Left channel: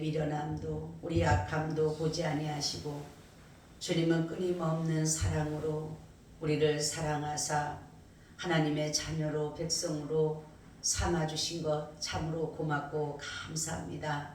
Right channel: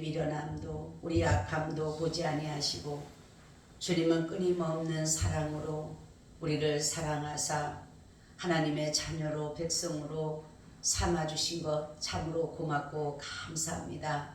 우리의 미련함도 우리 약함도 보지 아니하시고 주님은 끊임없는 사랑으로 우리를 사랑하사 하나님의 자녀로 백성으로 삼아주신 것 참으로 고맙고 감사합니다.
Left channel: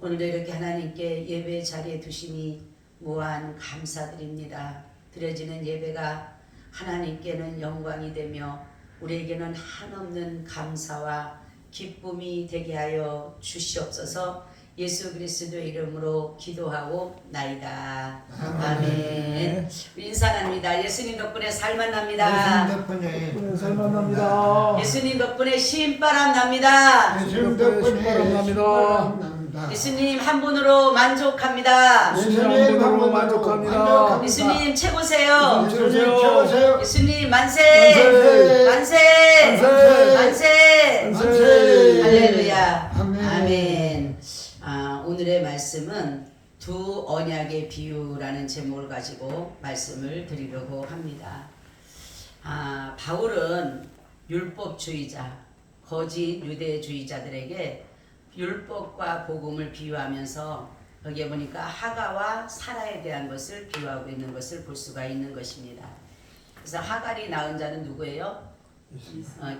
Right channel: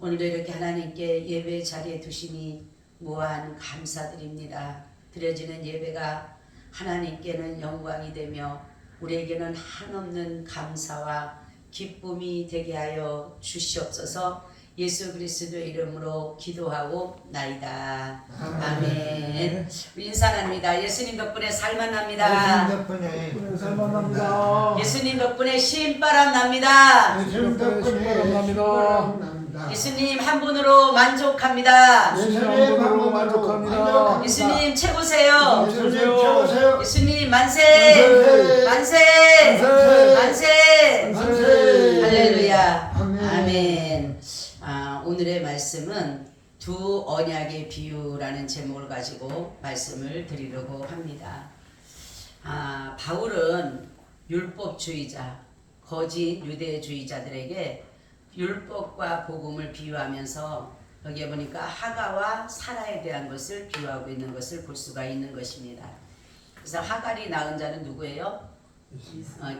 오늘도 이렇게 하나님께 예배 자리에 두시니 무한 감사드립니다. 드려지는 예배가 하나님께는 영광이 되며 우리에게는 한없는 감사와 기쁨이 되게 하여 주시옵소서. 예수 그리스도의 이름으로 기도하고 나이다. 아멘. 우리 인사 나눕니다. 예수님 덕분에 살만 납니다. 예수님 덕분에 살만 납니다. 예수님 덕분에 신바람 납니다. 예수님 덕분에 납니다. 신바람 납니다. 예수님 한 분으로 만족합니다. 예수님 한 분으로 만족합니다. 예수님 최고세요. 예수님 최고세요. 예수님 만세. 만세. 만세. 만세. 할렐루야. 아멘. 아멘. 오늘의 말씀은 두 언약의 비유라는 제목을 가지고 말씀을 드리려고 합니다. 바울은 율법주의자, 거짓 유대주의자들에게 율법과 복음을 비유하면서 여기에 보니까 하가와 사라에 대한 것을 비유하고 있는 것을 볼 수가 있는 것입니다. 그래서 하갈이 낳은 자는 누구예요?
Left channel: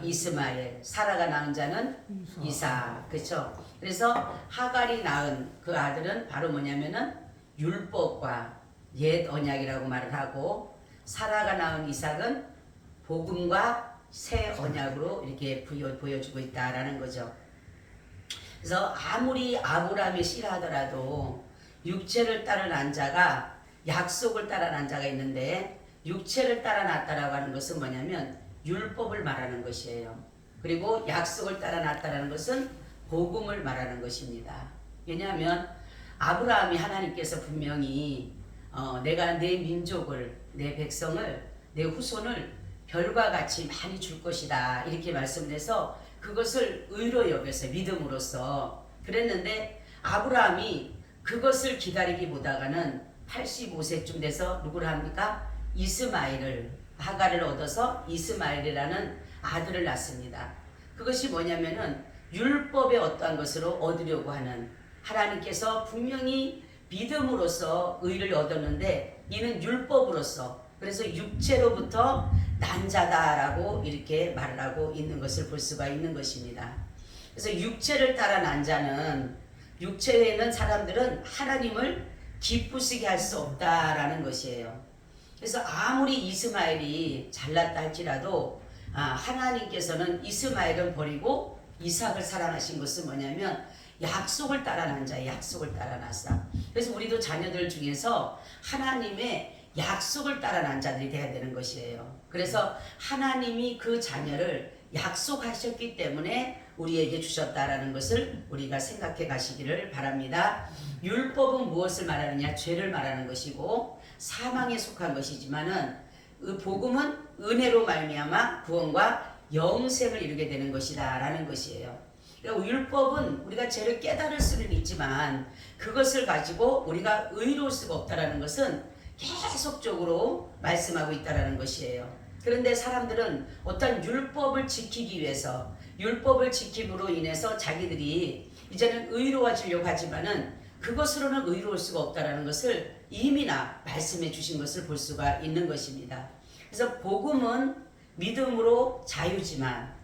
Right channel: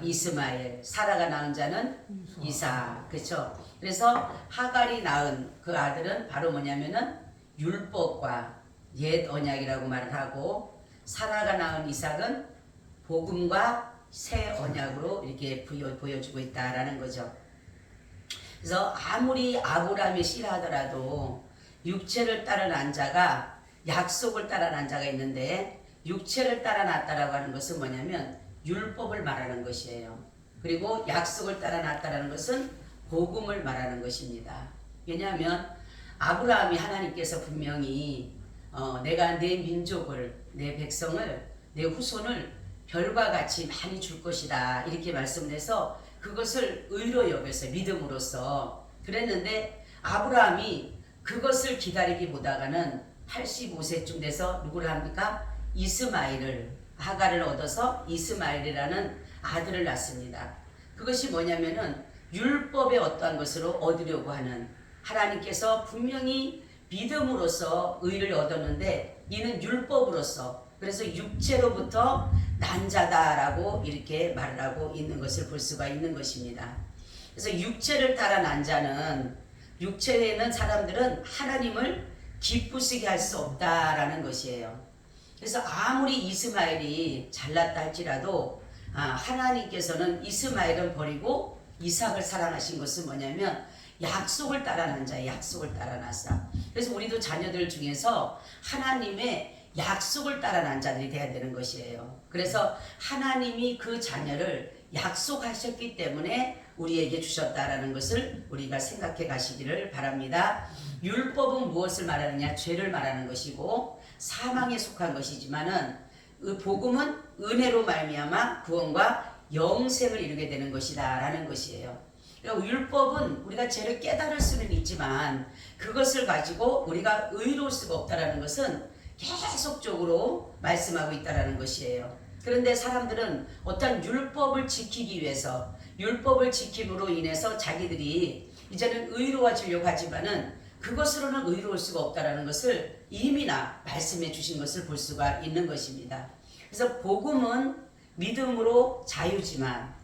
이스마엘. 사라가 낳은 자는 이삭. 그렇죠? 그래서 하갈이 낳은 그 아들은 바로 뭐냐면은 율법과 옛 언약이라고 말을 하고, 사라가 낳은 이삭은 복음과 새 언약으로 이렇게 보여주고 있다라는 거죠. 그래서 아무리 아브라함이 씨라하더라도 육체를 따라 난 자가 약속을 따라 난 자가 있는데, 육체를 따라 났다라고 하는 것은 뭐냐면 율법을 말하는 것이에요. 그리고 약속을 따라 났다라는 것은 복음을 말하는 것입니다. 왜냐하면 아브라함이 하나님께서 분명히 내가 내 민족을, 내 백성을, 내 후손을 별과 같이 많이 줄 것이다 이렇게 말씀을 해서 그것을 의로 여겨서 믿음으로써 그랬는데, 아브라함이 그것을 기다리기보다가는 85세쯤 돼서 누구를 합니까? 이스마엘을, 하갈을 얻어서 이스마엘이라는 아들을 낳습니다. 그것이 뭐냐면은 율법의 어떠한 것으로 얻으려고 하는, 하나님께서 분명히 믿음으로써 의를 얻었는데 이는 율법으로써, 그래서 육체로부터 난 자다라고 이렇게 말을 하고 있는 것을 볼 수가 있는 것입니다. 그래서 육체를 따라 난 자는, 육체에 있는 사람들은 하나님을 기쁘시게 할 수 없다라는 것이에요. 그래서 아무리 이스마엘이 잘났다 할지라도 하나님께서는 이스마엘은 버리고 이삭을 사랑하신 것은 뭐냐면 약속을 따라 난 자예요. 약속을 따라 났어. 그래서 우리도 자녀들 중에서 하나님의 약속을 따라 난 자들이 돼야 되는 것이에요. 그래서 하나님이 그 자녀를 약속하셨기 때문에 우리에게 주셨다라는 것을 우리가 생각해 가시기를 바랍니다. 율법은 무엇을 말하느냐? 죄를 말하는 것이고 사망에 속한 것이지만은 복음은 은혜로 말미암아 구원과 영생을 이루게 되는 것이다 라는 것이에요. 율법은 우리가 죄를 깨달을 수는 있지만 그것을 가지고 우리가 의로울 수가 없다라는 것은 계속적으로 말씀하고 있다라는 것이에요. 그런데 사람들은 어떤 율법을 지키기 위해서, 율법을 지킴으로 인해서 자기들이 이제는 의로워지려고 하지만은 그것으로는 의로울 수가 없다라는 것을 이미나 말씀해 주신 것을 볼 수가 있는 것입니다. 그래서 복음은 믿음으로 자유지만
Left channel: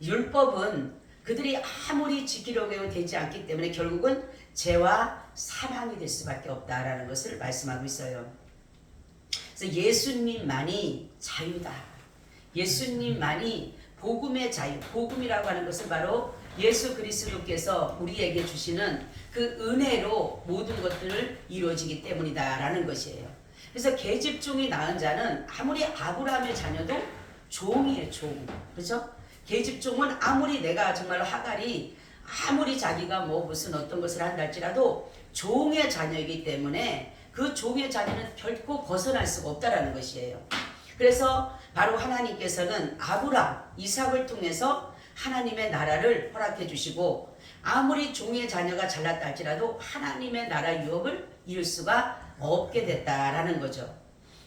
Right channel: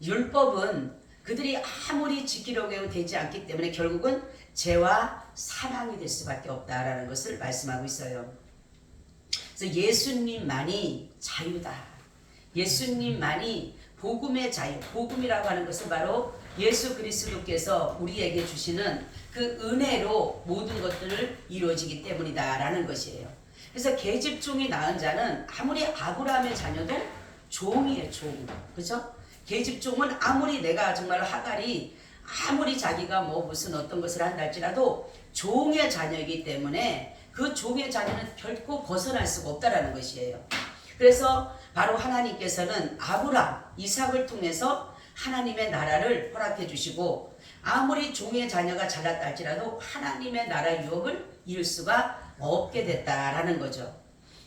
율법은 그들이 아무리 지키려고 해도 되지 않기 때문에 결국은 죄와 사망이 될 수밖에 없다라는 것을 말씀하고 있어요. 그래서 예수님만이 자유다. 예수님만이 복음의 자유. 복음이라고 하는 것은 바로 예수 그리스도께서 우리에게 주시는 그 은혜로 모든 것들을 이루어지기 때문이다 라는 것이에요. 그래서 계집종이 낳은 자는 아무리 아브라함의 자녀도 종이에요. 종. 그렇죠? 계집종은 아무리 내가 정말로 하갈이 아무리 자기가 뭐 무슨 어떤 것을 한다 할지라도 종의 자녀이기 때문에 그 종의 자녀는 결코 벗어날 수가 없다라는 것이에요. 그래서 바로 하나님께서는 아브라함, 이삭을 통해서 하나님의 나라를 허락해 주시고, 아무리 종의 자녀가 잘났다 할지라도 하나님의 나라 유업을 이룰 수가 없게 됐다라는 거죠.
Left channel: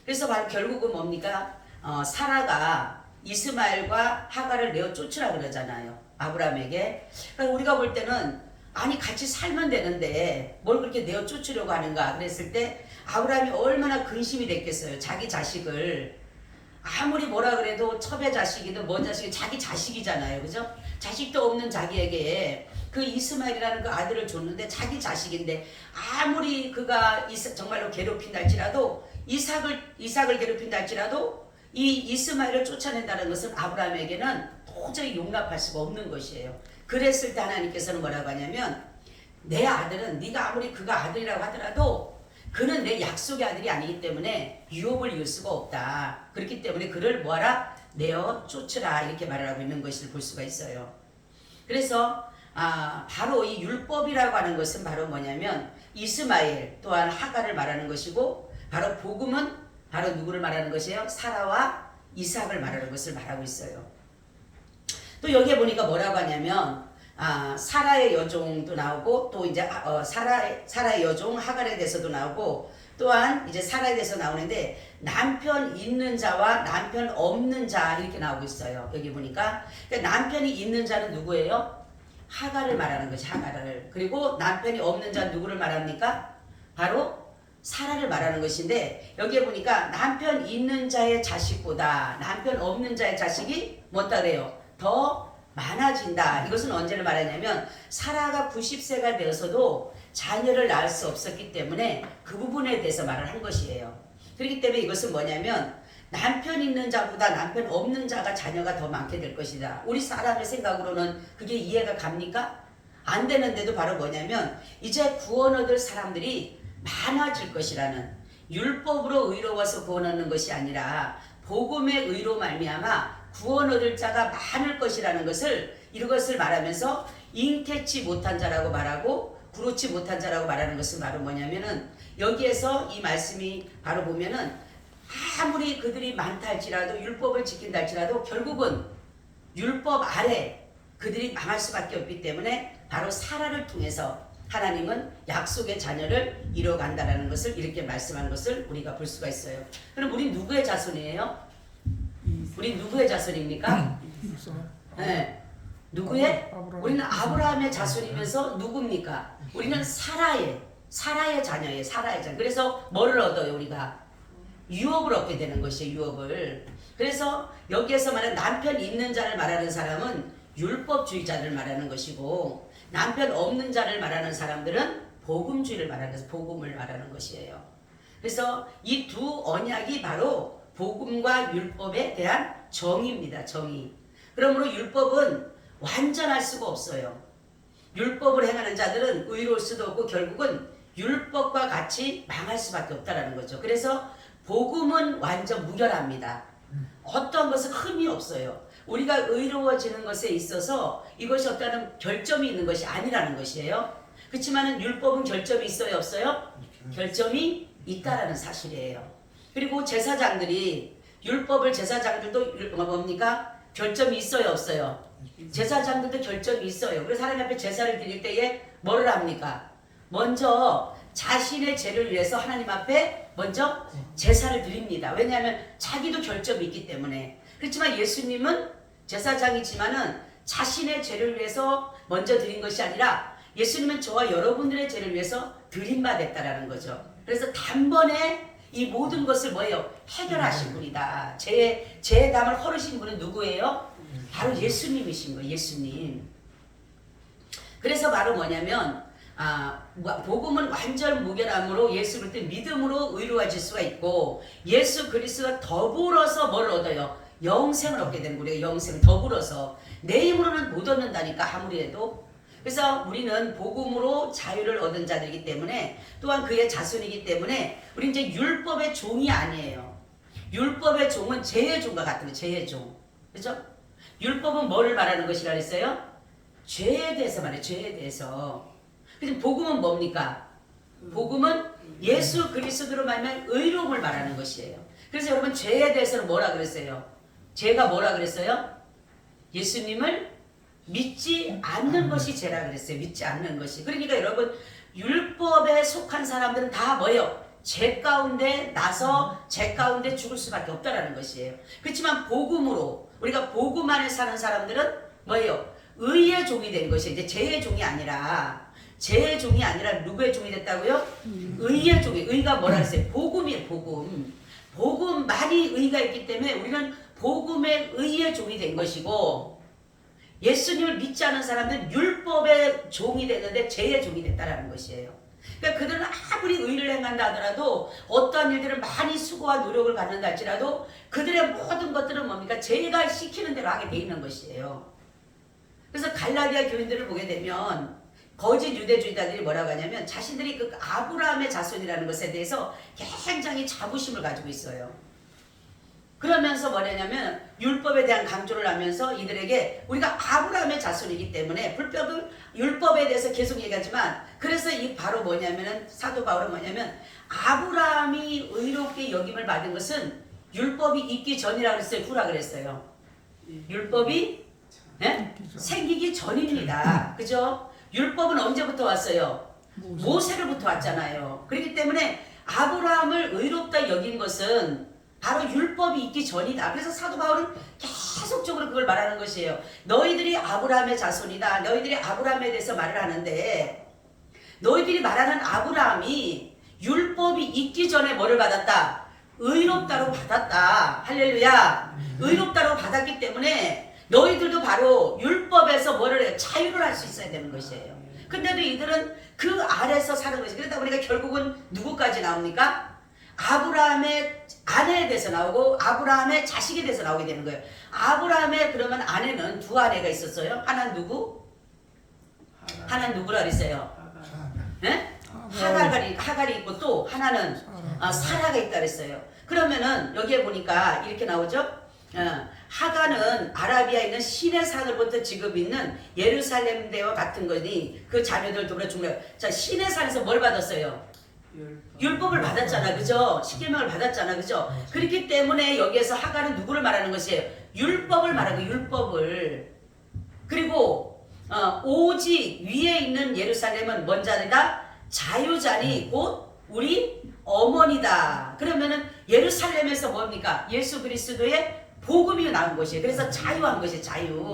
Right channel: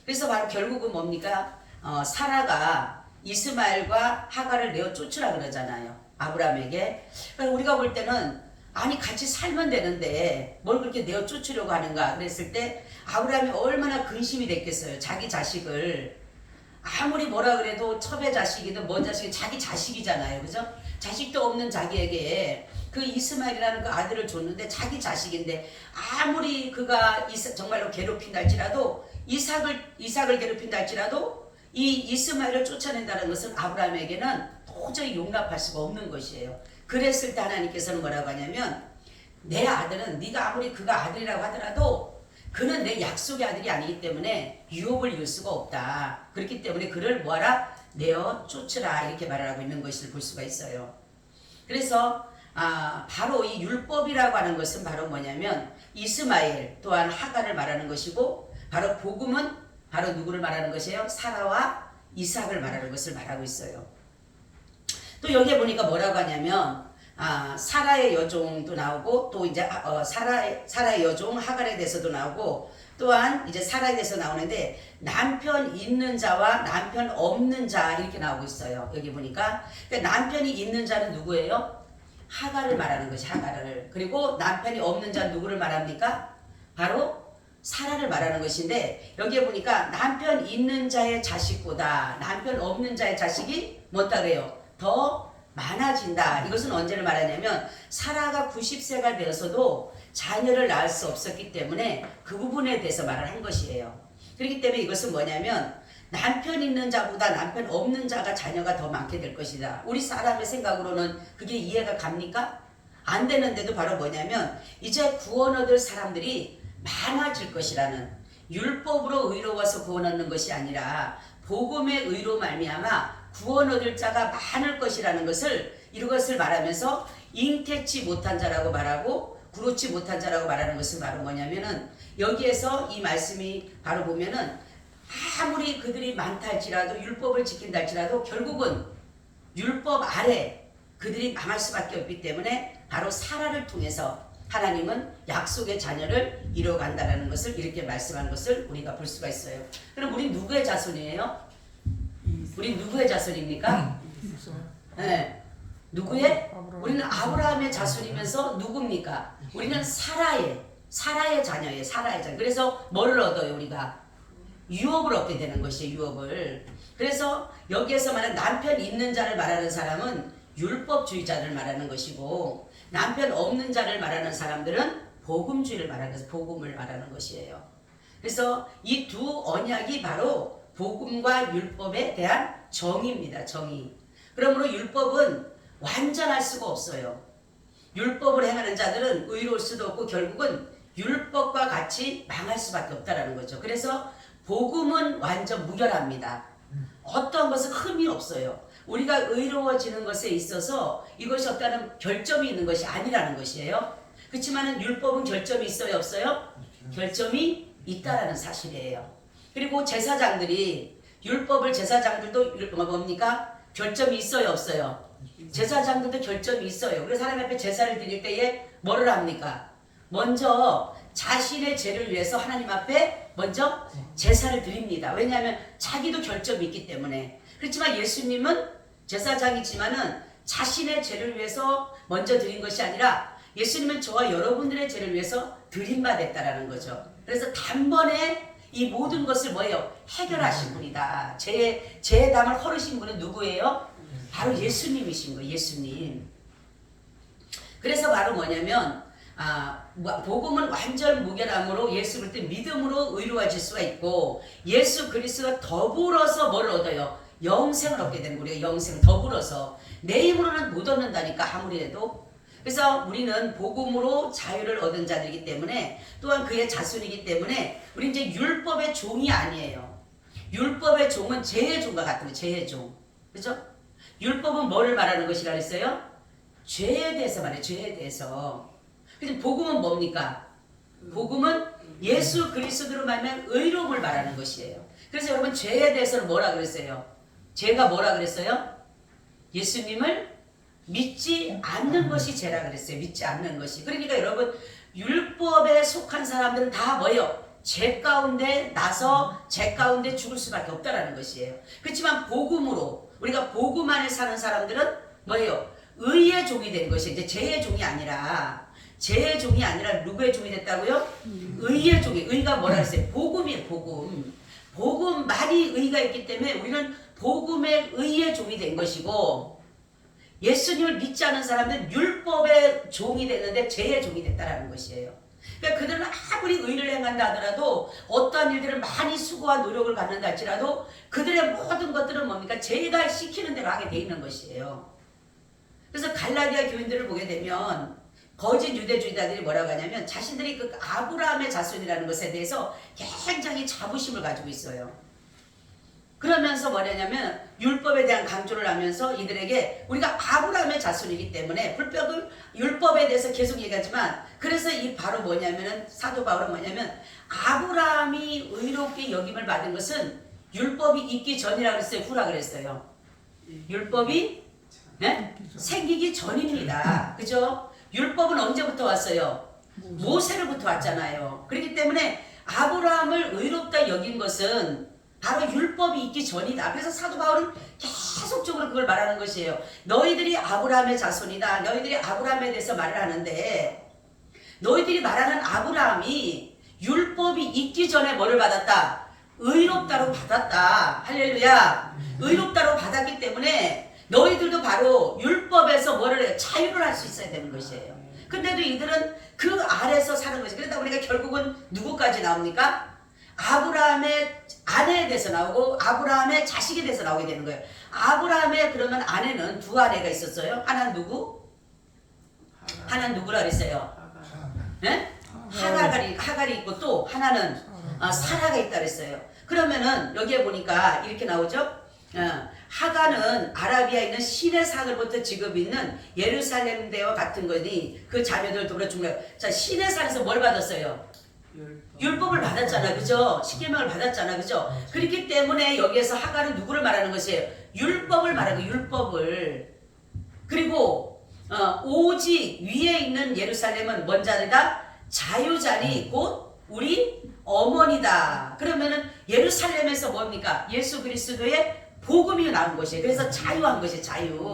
그래서 바로 결국은 뭡니까? 사라가 이스마엘과 하갈을 내어 쫓으라 그러잖아요. 아브라함에게. 우리가 볼 때는 아니 같이 살면 되는데 뭘 그렇게 내어 쫓으려고 하는가 그랬을 때 아브라함이 얼마나 근심이 됐겠어요. 자기 자식을 아무리 뭐라 그래도 첩의 자식이든 뭔 자식이 자기 자식이잖아요. 그죠? 자식도 없는 자기에게 그 이스마엘이라는 그 아들을 줬는데 자기 자식인데 아무리 그가 정말로 괴롭힌다 할지라도 이삭을 괴롭힌다 할지라도 이 이스마엘을 쫓아낸다는 것은 아브라함에게는 도저히 용납할 수가 없는 것이에요. 그랬을 때 하나님께서는 뭐라고 하냐면 내 아들은 네가 아무리 그가 아들이라고 하더라도 그는 내 약속의 아들이 아니기 때문에 유업을 이을 수가 없다. 그렇기 때문에 그를 뭐하라? 내어 쫓으라 이렇게 말을 하고 있는 것을 볼 수가 있어요. 그래서 바로 이 율법이라고 하는 것은 바로 뭐냐면 이스마엘 또한 하갈을 말하는 것이고 바로 복음은 바로 누구를 말하는 것이에요? 사라와 이삭을 말하는 것을 말하고 있어요. 또 여기에 보니까 뭐라고 하냐면 사라의 여종도 나오고 또 이제 사라의 여종 하갈에 대해서도 나오고 또한 이제 사라에 대해서 나오는데 남편 있는 자와 남편 없는 자 이렇게 나오고 있어요. 여기 보니까 그러니까 남편이 있는 자는 누구예요? 하갈을 말하는 것이 하갈을. 그리고 남편이 없는 자는 누구를 말합니까? 바로 사라를 말하는 것인데 여기에 보니까 남편 있는 자의 자식보다 남편 없는 자의 자식이 뭐다 그래요? 더 많아진다. 이것은 언제를 말하냐면 사라가 90세가 되어서도 자녀를 낳을 수 없었기 때문에 그 부분에 대해서 말을 한 것이에요. 그렇기 때문에 이것은 뭐냐면 남편 있는 자보다 남편 없는 자가 자녀가 더 많게 될 것이다. 우리 사람의 생각으로는 그게 이해가 갑니까? 안 되는데도 바로 뭐냐면 이제 구원 얻을 사람들이 많아질 것이라는 율법으로 의로워서 구원 얻는 것이 아니라 복음의 의로 말미암아 구원 얻을 자가 많을 것이라는 것을 이것을 말하면서 잉태치 못한 자라고 말하고 구로치 못한 자라고 말하는 것은 바로 뭐냐면은 여기에서 이 말씀이 바로 보면은 아무리 그들이 많다 할지라도 율법을 지킨다 할지라도 결국은 율법 아래 그들이 망할 수밖에 없기 때문에 바로 사라를 통해서 하나님은 약속의 자녀를 이뤄간다라는 것을 이렇게 말씀한 것을 우리가 볼 수가 있어요. 그럼 우리 누구의 자손이에요? 우리 누구의 자손입니까? 네. 누구의? 우리는 아브라함의 자손이면서 누굽니까? 우리는 사라의 자녀예요. 사라의 자녀. 그래서 뭐를 얻어요? 우리가 유업을 얻게 되는 것이에요. 유업을. 그래서 여기에서 말하는 남편 있는 자를 말하는 사람은 율법주의자를 말하는 것이고 남편 없는 자를 말하는 사람들은 복음주의를 말하는 것이 복음을 말하는 것이에요. 그래서 이 두 언약이 바로 복음과 율법에 대한 정의입니다. 정의. 그러므로 율법은 완전할 수가 없어요. 율법을 행하는 자들은 의로울 수도 없고 결국은 율법과 같이 망할 수밖에 없다라는 거죠. 그래서 복음은 완전 무결합니다. 어떤 것은 흠이 없어요. 우리가 의로워지는 것에 있어서 이것이 어떤 결점이 있는 것이 아니라는 것이에요. 그렇지만 율법은 결점이 있어요? 없어요? 결점이 있다라는 사실이에요. 그리고 제사장들이 율법을 제사장들도 뭡니까? 결점이 있어요? 없어요? 제사장들도 결점이 있어요. 그래서 하나님 앞에 제사를 드릴 때에 뭐를 합니까? 먼저 자신의 죄를 위해서 하나님 앞에 먼저 제사를 드립니다. 왜냐하면 자기도 결점이 있기 때문에. 그렇지만 예수님은 제사장이지만은 자신의 죄를 위해서 먼저 드린 것이 아니라 예수님은 저와 여러분들의 죄를 위해서 드린 바 됐다라는 거죠. 그래서 단번에 이 모든 것을 뭐예요? 해결하신 분이다. 죄의 담을 헐으신 분은 누구예요? 바로 예수님이신 거예요. 예수님. 그래서 바로 뭐냐면 복음은 완전 무결함으로 예수 그리스도 믿음으로 의로워질 수가 있고 예수 그리스도와 더불어서 뭘 얻어요? 영생을 얻게 되는 거예요. 영생을 더불어서 내 힘으로는 못 얻는다니까 아무리 해도. 그래서 우리는 복음으로 자유를 얻은 자들이기 때문에 또한 그의 자손이기 때문에 우리 이제 율법의 종이 아니에요. 율법의 종은 죄의 종과 같은 거예요. 죄의 종. 그렇죠? 율법은 뭐를 말하는 것이라 그랬어요? 죄에 대해서 말해요. 죄에 대해서. 그래서 복음은 뭡니까? 복음은 예수 그리스도로 말하면 의로움을 말하는 것이에요. 그래서 여러분 죄에 대해서는 뭐라 그랬어요? 죄가 뭐라 그랬어요? 예수님을 믿지 않는 것이 죄라 그랬어요. 믿지 않는 것이. 그러니까 여러분 율법에 속한 사람들은 다 뭐예요? 죄 가운데 나서 죄 가운데 죽을 수밖에 없다라는 것이에요. 그렇지만 복음으로 우리가 복음 안에 사는 사람들은 뭐예요? 의의 종이 된 것이 이제 죄의 종이 아니라 죄의 종이 아니라 누구의 종이 됐다고요? 의의 종이. 의가 뭐라 그랬어요? 복음이에요. 복음. 복음만이 의가 있기 때문에 우리는 복음의 의의 종이 된 것이고, 예수님을 믿지 않은 사람들은 율법의 종이 됐는데 죄의 종이 됐다라는 것이에요. 그러니까 그들은 아무리 의를 행한다 하더라도, 어떠한 일들을 많이 수고와 노력을 갖는다 할지라도 그들의 모든 것들은 뭡니까? 죄가 시키는 대로 하게 돼 있는 것이에요. 그래서 갈라디아 교인들을 보게 되면 거짓 유대주의자들이 뭐라고 하냐면 자신들이 그 아브라함의 자손이라는 것에 대해서 굉장히 자부심을 가지고 있어요. 그러면서 뭐냐면 율법에 대한 강조를 하면서 이들에게 우리가 아브라함의 자손이기 때문에 불법을 율법에 대해서 계속 얘기하지만, 그래서 이 바로 뭐냐면은 사도 바울은 뭐냐면 아브라함이 의롭게 여김을 받은 것은 율법이 있기 전이라 그랬어요, 후라 그랬어요? 율법이 생기기 전입니다. 그죠? 율법은 언제부터 왔어요? 모세로부터 왔잖아요. 그렇기 때문에 아브라함을 의롭다 여긴 것은 바로 율법이 있기 전이다. 그래서 사도 바울은 계속적으로 그걸 말하는 것이에요. 너희들이 아브라함의 자손이다. 너희들이 아브라함에 대해서 말을 하는데, 너희들이 말하는 아브라함이 율법이 있기 전에 뭐를 받았다? 의롭다로 받았다. 할렐루야. 의롭다로 받았기 때문에 너희들도 바로 율법에서 뭐를 해요? 자유를 할 수 있어야 되는 것이에요. 근데도 이들은 그 아래서 사는 것이. 그러다 보니까 결국은 누구까지 나옵니까? 아브라함의 아내에 대해서 나오고 아브라함의 자식에 대해서 나오게 되는 거예요. 아브라함의 그러면 아내는 두 아내가 있었어요. 하나는 누구? 하나는 누구라 그랬어요? 네? 하갈이 있고 또 하나는 사라가 있다 그랬어요. 그러면은 여기에 보니까 이렇게 나오죠. 하가는 아라비아에 있는 신의 산으로부터 지금 있는 예루살렘 대와 같은 거니 그 자녀들 돌아 죽는 거예요. 자, 신의 산에서 뭘 받았어요? 율법을 받았잖아, 그죠? 십계명을 받았잖아, 그죠? 그렇기 때문에 여기에서 하가는 누구를 말하는 것이에요? 율법을 말하고, 율법을. 그리고 오직 위에 있는 예루살렘은 뭔 자리다? 자유자니 곧 우리 어머니다. 그러면은 예루살렘에서 뭡니까? 예수 그리스도의 복음이 나온 것이에요. 그래서 자유한 것이에요, 자유.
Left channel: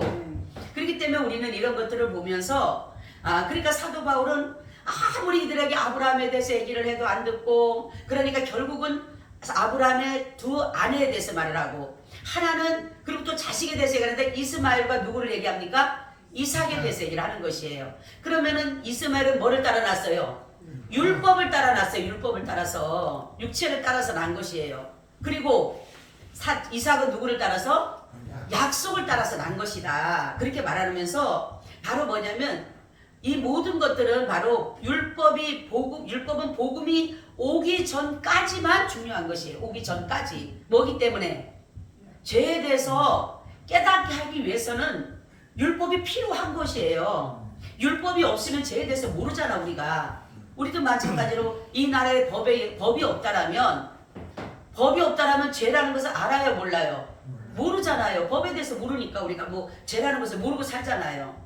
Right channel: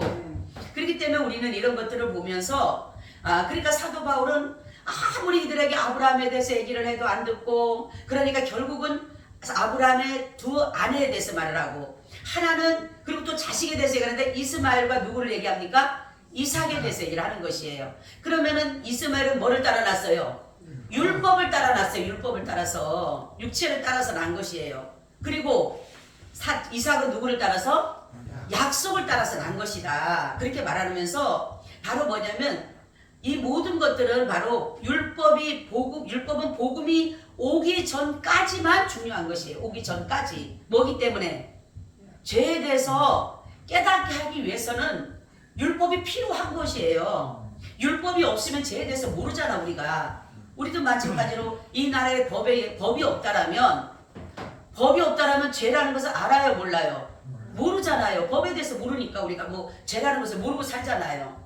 그렇기 때문에 우리는 이런 것들을 보면서, 그러니까 사도 바울은 아무리 이들에게 아브라함에 대해서 얘기를 해도 안 듣고, 그러니까 결국은 아브라함의 두 아내에 대해서 말을 하고, 하나는 그리고 또 자식에 대해서 얘기하는데 이스마엘과 누구를 얘기합니까? 이삭에 대해서 얘기를 하는 것이에요. 그러면은 이스마엘은 뭐를 따라 났어요? 율법을 따라 났어요. 율법을 따라서, 육체를 따라서 난 것이에요. 그리고 이삭은 누구를 따라서? 약속을 따라서 난 것이다. 그렇게 말하면서 바로 뭐냐면 이 모든 것들은 바로 율법은 복음이 오기 전까지만 중요한 것이에요. 오기 전까지. 뭐기 때문에? 죄에 대해서 깨닫게 하기 위해서는 율법이 필요한 것이에요. 율법이 없으면 죄에 대해서 모르잖아, 우리도 마찬가지로 이 나라에 법이 없다라면 죄라는 것을 알아요, 몰라요? 모르잖아요. 법에 대해서 모르니까 우리가 뭐 죄라는 것을 모르고 살잖아요.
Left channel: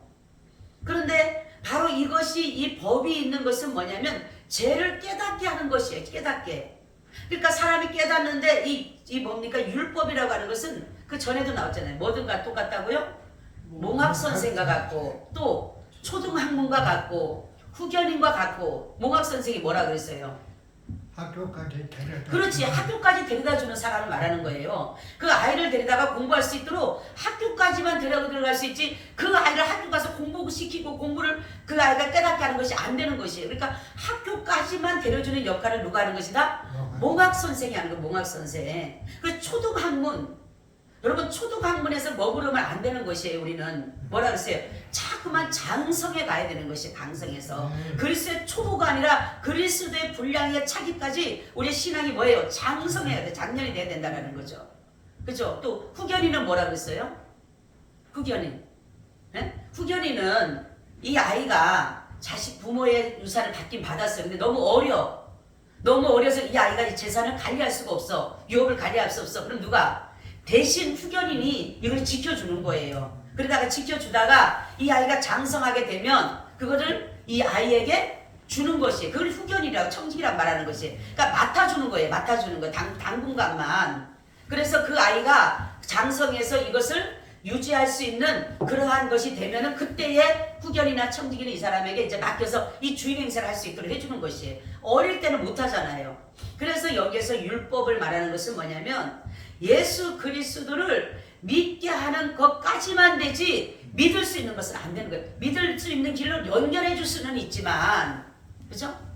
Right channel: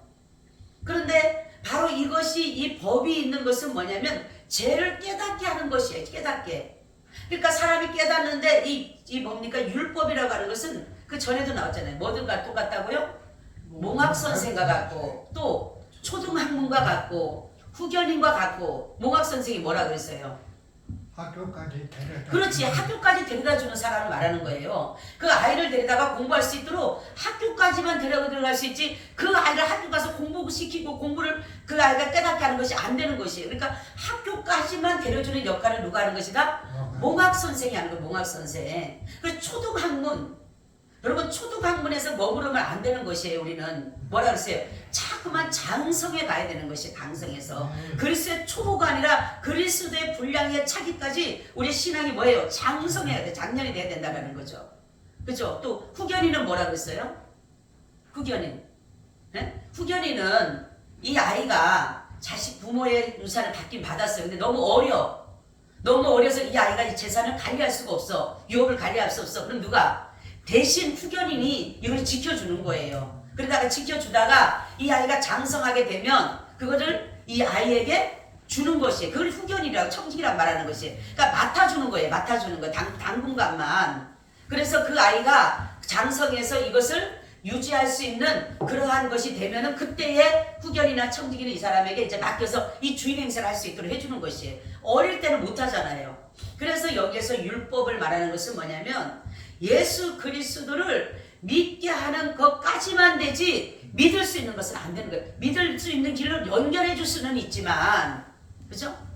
그런데 바로 이것이, 이 법이 있는 것은 뭐냐면 죄를 깨닫게 하는 것이에요. 깨닫게. 그러니까 사람이 깨닫는데 이 뭡니까? 율법이라고 하는 것은 그 전에도 나왔잖아요. 뭐든가 똑같다고요? 몽학선생과 같고, 또 초등학문과 같고, 후견인과 같고. 몽학선생이 뭐라 그랬어요? 학교까지 데려다. 그렇지, 학교까지 데려다주는 사람을 말하는 거예요. 그 아이를 데려다가 공부할 수 있도록 학교까지만 데려갈 수 있지, 그 아이를 학교 가서 공부시키고 공부를 그 아이가 깨닫게 하는 것이 안 되는 것이에요. 그러니까 학교까지만 데려주는 역할을 누가 하는 것이다? 몽학선생이 하는 거예요. 몽학선생. 그 초등학문, 여러분 초등학문에서 머무르면 안 되는 것이에요. 우리는 뭐라 그랬어요? 자꾸만 장성에 가야 되는 것이, 강성에서. 그리스도의 초보가 아니라 그리스도의 분량에 차기까지 우리의 신앙이 뭐예요? 장성해야 돼. 장년이 돼야 된다는 거죠. 그죠? 또 후견인은 뭐라 그랬어요? 후견인. 네? 후견인은 이 아이가 자식 부모의 유산을 받긴 받았어요. 근데 너무 어려서 이 아이가 이 재산을 관리할 수가 없어. 유업을 관리할 수 없어. 그럼 누가? 대신 후견인이 이걸 지켜주는 거예요. 그러다가 지켜주다가 이 아이가 장성하게 되면 그거를 이 아이에게 주는 것이에요. 그걸 후견이라고, 청직이라고 말하는 것이에요. 그러니까 맡아주는 거예요. 맡아주는 거. 당분간만. 그래서 그 아이가 장성해서 이것을 유지할 수 있는 그러한 것이 되면은 그때의 후견이나 청지기는 이 사람에게 이제 맡겨서 이 주인 행세를 할 수 있도록 해주는 것이에요. 어릴 때는 못 하잖아요. 그래서 여기에서 율법을 말하는 것은 뭐냐면 예수 그리스도를 믿게 하는 것까지만 되지 믿을 수 있는 것은 안 되는 거예요. 믿을 수 있는 길로 연결해 줄 수는 있지만, 그죠?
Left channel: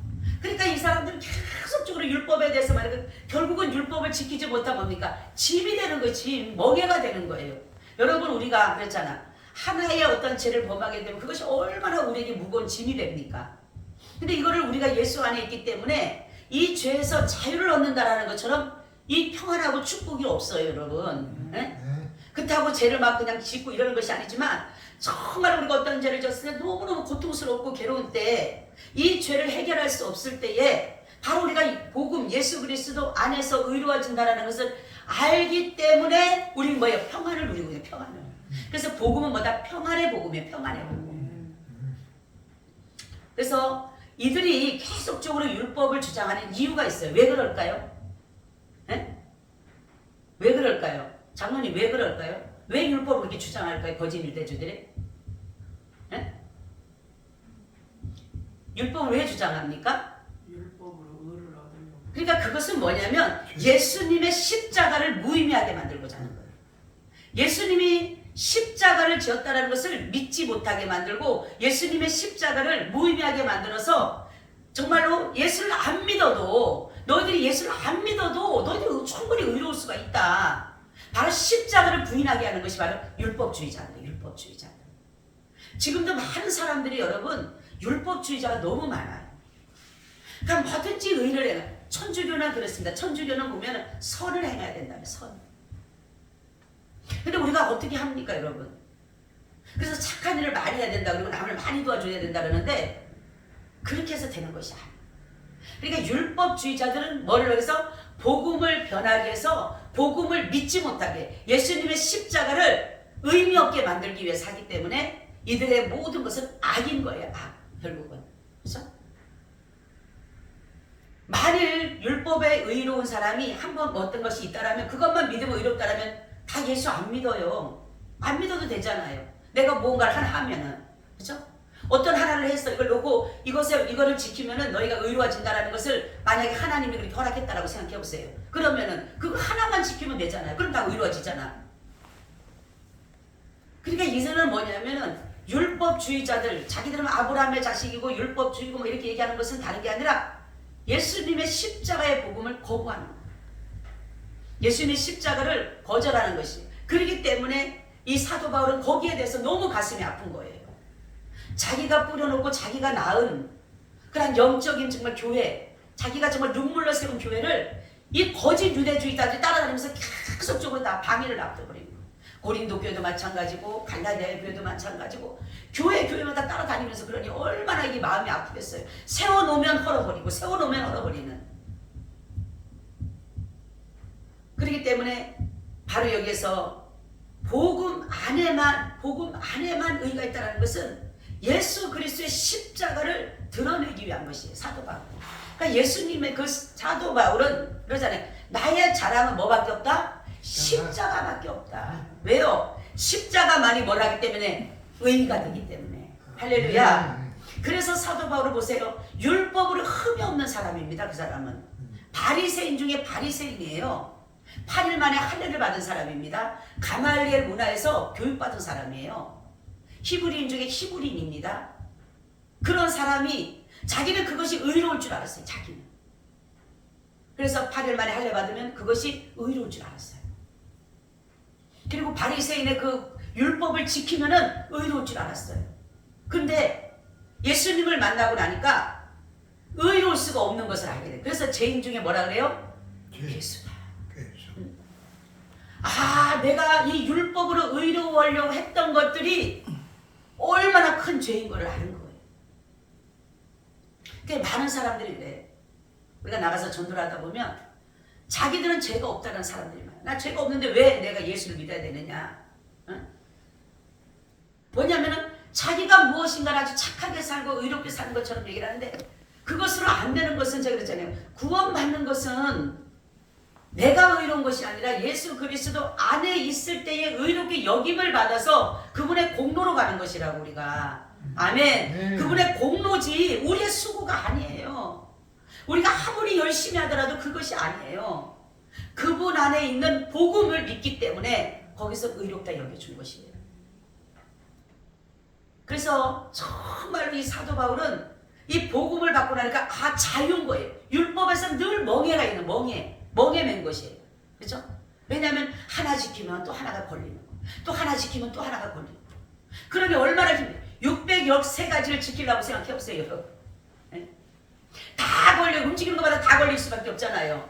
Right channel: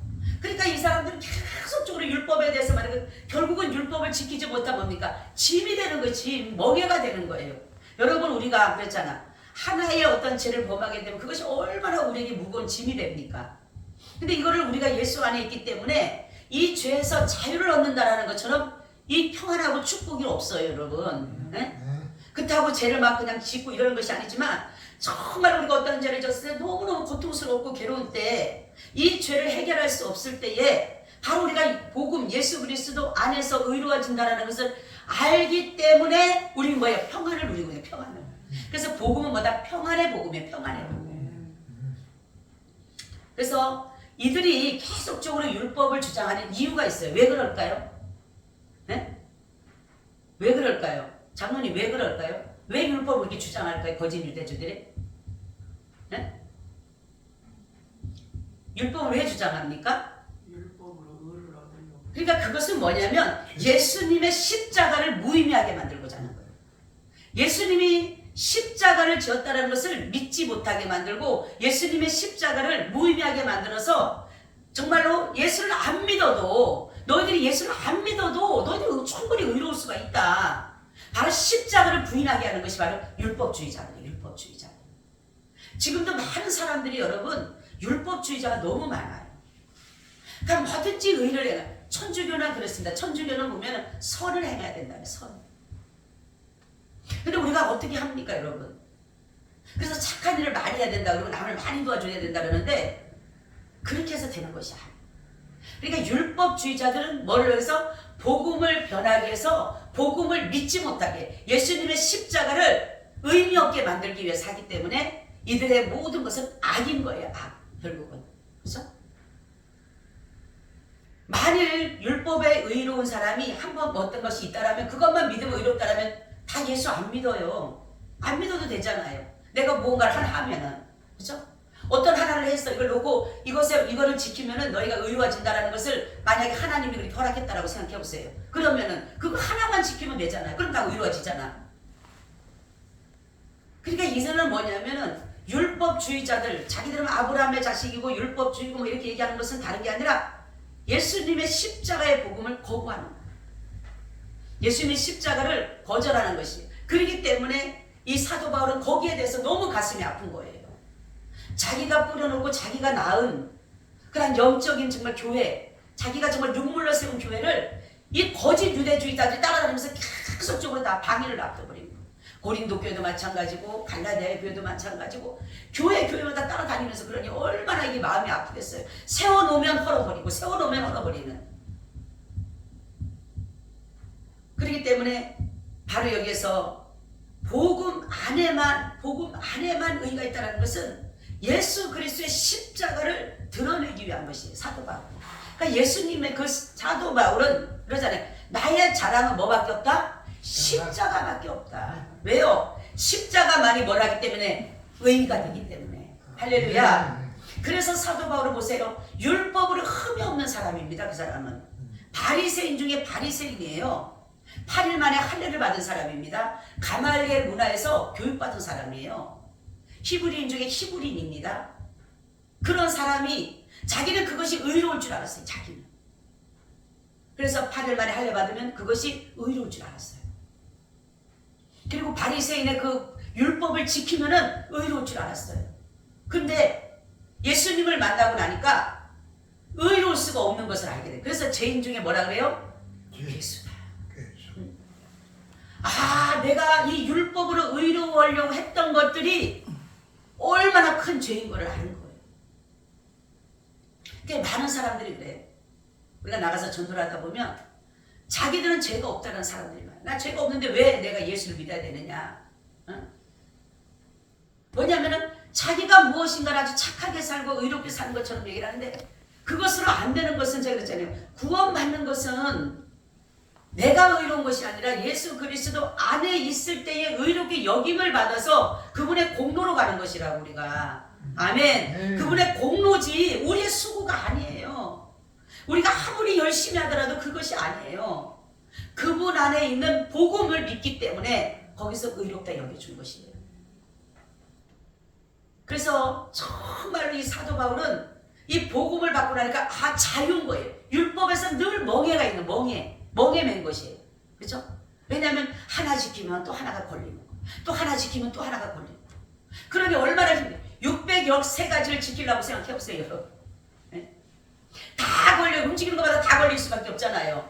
그러니까 이 사람들은 계속적으로 율법에 대해서 말하고 결국은 율법을 지키지 못하면 뭡니까? 짐이 되는 거예요. 짐, 멍해가 되는 거예요. 여러분 우리가 그랬잖아. 하나의 어떤 죄를 범하게 되면 그것이 얼마나 우리에게 무거운 짐이 됩니까? 근데 이거를 우리가 예수 안에 있기 때문에 이 죄에서 자유를 얻는다라는 것처럼 이 평안하고 축복이 없어요, 여러분. 네? 그렇다고 죄를 막 그냥 짓고 이러는 것이 아니지만 정말 우리가 어떤 죄를 졌을 때 너무너무 고통스럽고 괴로운 때 이 죄를 해결할 수 없을 때에 바로 우리가 이 복음 예수 그리스도 안에서 의로워진다라는 것을 알기 때문에 우리는 뭐예요? 평안을 누리고 있는 평안을. 그래서 복음은 뭐다? 평안의 복음이에요. 평안의 복음. 그래서 이들이 계속적으로 율법을 주장하는 이유가 있어요. 왜 그럴까요? 네? 왜 그럴까요? 장로님 왜 그럴까요? 왜 율법을 이렇게 주장할까요? 거짓 유대주들이? 네? 율법을 왜 주장합니까? 율법으로 의를 얻으려고. 그러니까 그것은 뭐냐면 예수님의 십자가를 무의미하게 만들고자 하는 거예요. 예수님이 십자가를 지었다는 것을 믿지 못하게 만들고 예수님의 십자가를 무의미하게 만들어서 정말로 예수를 안 믿어도 너희들이 예수를 안 믿어도 너희들이 충분히 의로울 수가 있다. 바로 십자가를 부인하게 하는 것이 바로 율법주의자들이에요. 율법주의자들. 지금도 많은 사람들이 여러분 율법주의자가 너무 많아요. 그러니까 뭐든지 의를 해요. 천주교는 그렇습니다. 천주교는 보면 선을 행해야 된다는 선. 근데 우리가 어떻게 합니까, 여러분? 그래서 착한 일을 많이 해야 된다 그러고 남을 많이 도와줘야 된다 그러는데 그렇게 해서 되는 것이 아니에요. 그러니까 율법주의자들은 뭐를 해서 복음을 변하게 해서 복음을 믿지 못하게 예수님의 십자가를 의미 없게 만들기 위해서 하기 때문에 이들의 모든 것은 악인 거예요. 악. 결국은. 그렇죠? 만일 율법에 의로운 사람이 한번 어떤 것이 있다라면 그것만 믿으면 의롭다라면 다 예수 안 믿어요. 안 믿어도 되잖아요. 내가 무언가를 하나 하면은. 그렇죠? 어떤 하나를 했어. 이걸 놓고 이거를 지키면은 너희가 의로워진다라는 것을 만약에 하나님이 그렇게 허락했다라고 생각해 보세요. 그러면은 그거 하나만 지키면 되잖아요. 그럼 다 의로워지잖아. 그러니까 이제는 뭐냐면은 율법주의자들, 자기들은 아브라함의 자식이고 율법주의고 뭐 이렇게 얘기하는 것은 다른 게 아니라 예수님의 십자가의 복음을 거부하는 거예요. 예수님의 십자가를 거절하는 것이. 그렇기 때문에 이 사도 바울은 거기에 대해서 너무 가슴이 아픈 거예요. 자기가 뿌려놓고 자기가 낳은 그런 영적인 정말 교회, 자기가 정말 눈물로 세운 교회를 이 거짓 유대주의자들이 따라다니면서 계속적으로 다 방해를 놔둬버린 거예요. 고린도 교회도 마찬가지고 갈라디아 교회도 마찬가지고 교회마다 따라다니면서 그러니 얼마나 이게 마음이 아프겠어요. 세워놓으면 헐어버리고 세워놓으면 헐어버리는. 그렇기 때문에 바로 여기에서 복음 안에만 의가 있다는 것은 예수 그리스도의 십자가를 드러내기 위한 것이에요. 사도 바울. 그러니까 예수님의 그 사도 바울은 그러잖아요. 나의 자랑은 뭐밖에 없다? 십자가밖에 없다. 왜요? 십자가만이 뭘 하기 때문에? 의가 되기 때문에. 할렐루야. 그래서 사도 바울을 보세요. 율법으로 흠이 없는 사람입니다. 그 사람은. 바리새인 중에 바리새인이에요. 8일 만에 할례를 받은 사람입니다. 가말리엘 문화에서 교육받은 사람이에요. 히브리인 중에 히브리인입니다. 그런 사람이 자기는 그것이 의로울 줄 알았어요. 자기는. 그래서 8일 만에 할례 받으면 그것이 의로울 줄 알았어요. 그리고 바리새인의 그 율법을 지키면은 의로울 줄 알았어요. 근데 예수님을 만나고 나니까 의로울 수가 없는 것을 알게 돼요. 그래서 죄인 중에 뭐라 그래요? 예수다. 아, 내가 이 율법으로 의로우려고 했던 것들이 얼마나 큰 죄인 걸 아는 거예요. 그러니까 많은 사람들이 그래. 우리가 나가서 전도를 하다 보면 자기들은 죄가 없다는 사람들이 많아요. 나 죄가 없는데 왜 내가 예수를 믿어야 되느냐. 응? 뭐냐면은 자기가 무엇인가를 아주 착하게 살고 의롭게 사는 것처럼 얘기를 하는데 그것으로 안 되는 것은 제가 그랬잖아요. 구원받는 것은 내가 의로운 것이 아니라 예수 그리스도 안에 있을 때에 의롭게 여김을 받아서 그분의 공로로 가는 것이라고 우리가. 아멘. 그분의 공로지 우리의 수고가 아니에요. 우리가 아무리 열심히 하더라도 그것이 아니에요. 그분 안에 있는 복음을 믿기 때문에 거기서 의롭다 여겨준 것이에요. 그래서 정말로 이 사도 바울은 이 복음을 받고 나니까 자유인 거예요. 율법에서 늘 멍해가 있는 멍해 맨 것이에요. 그렇죠? 왜냐하면 하나 지키면 또 하나가 걸리는 거, 또 하나 지키면 또 하나가 걸리는 거. 그러니 얼마나 힘들어요. 613가지를 지키려고 생각해 보세요, 여러분. 네? 다 걸려, 움직이는 것마다 다 걸릴 수밖에 없잖아요.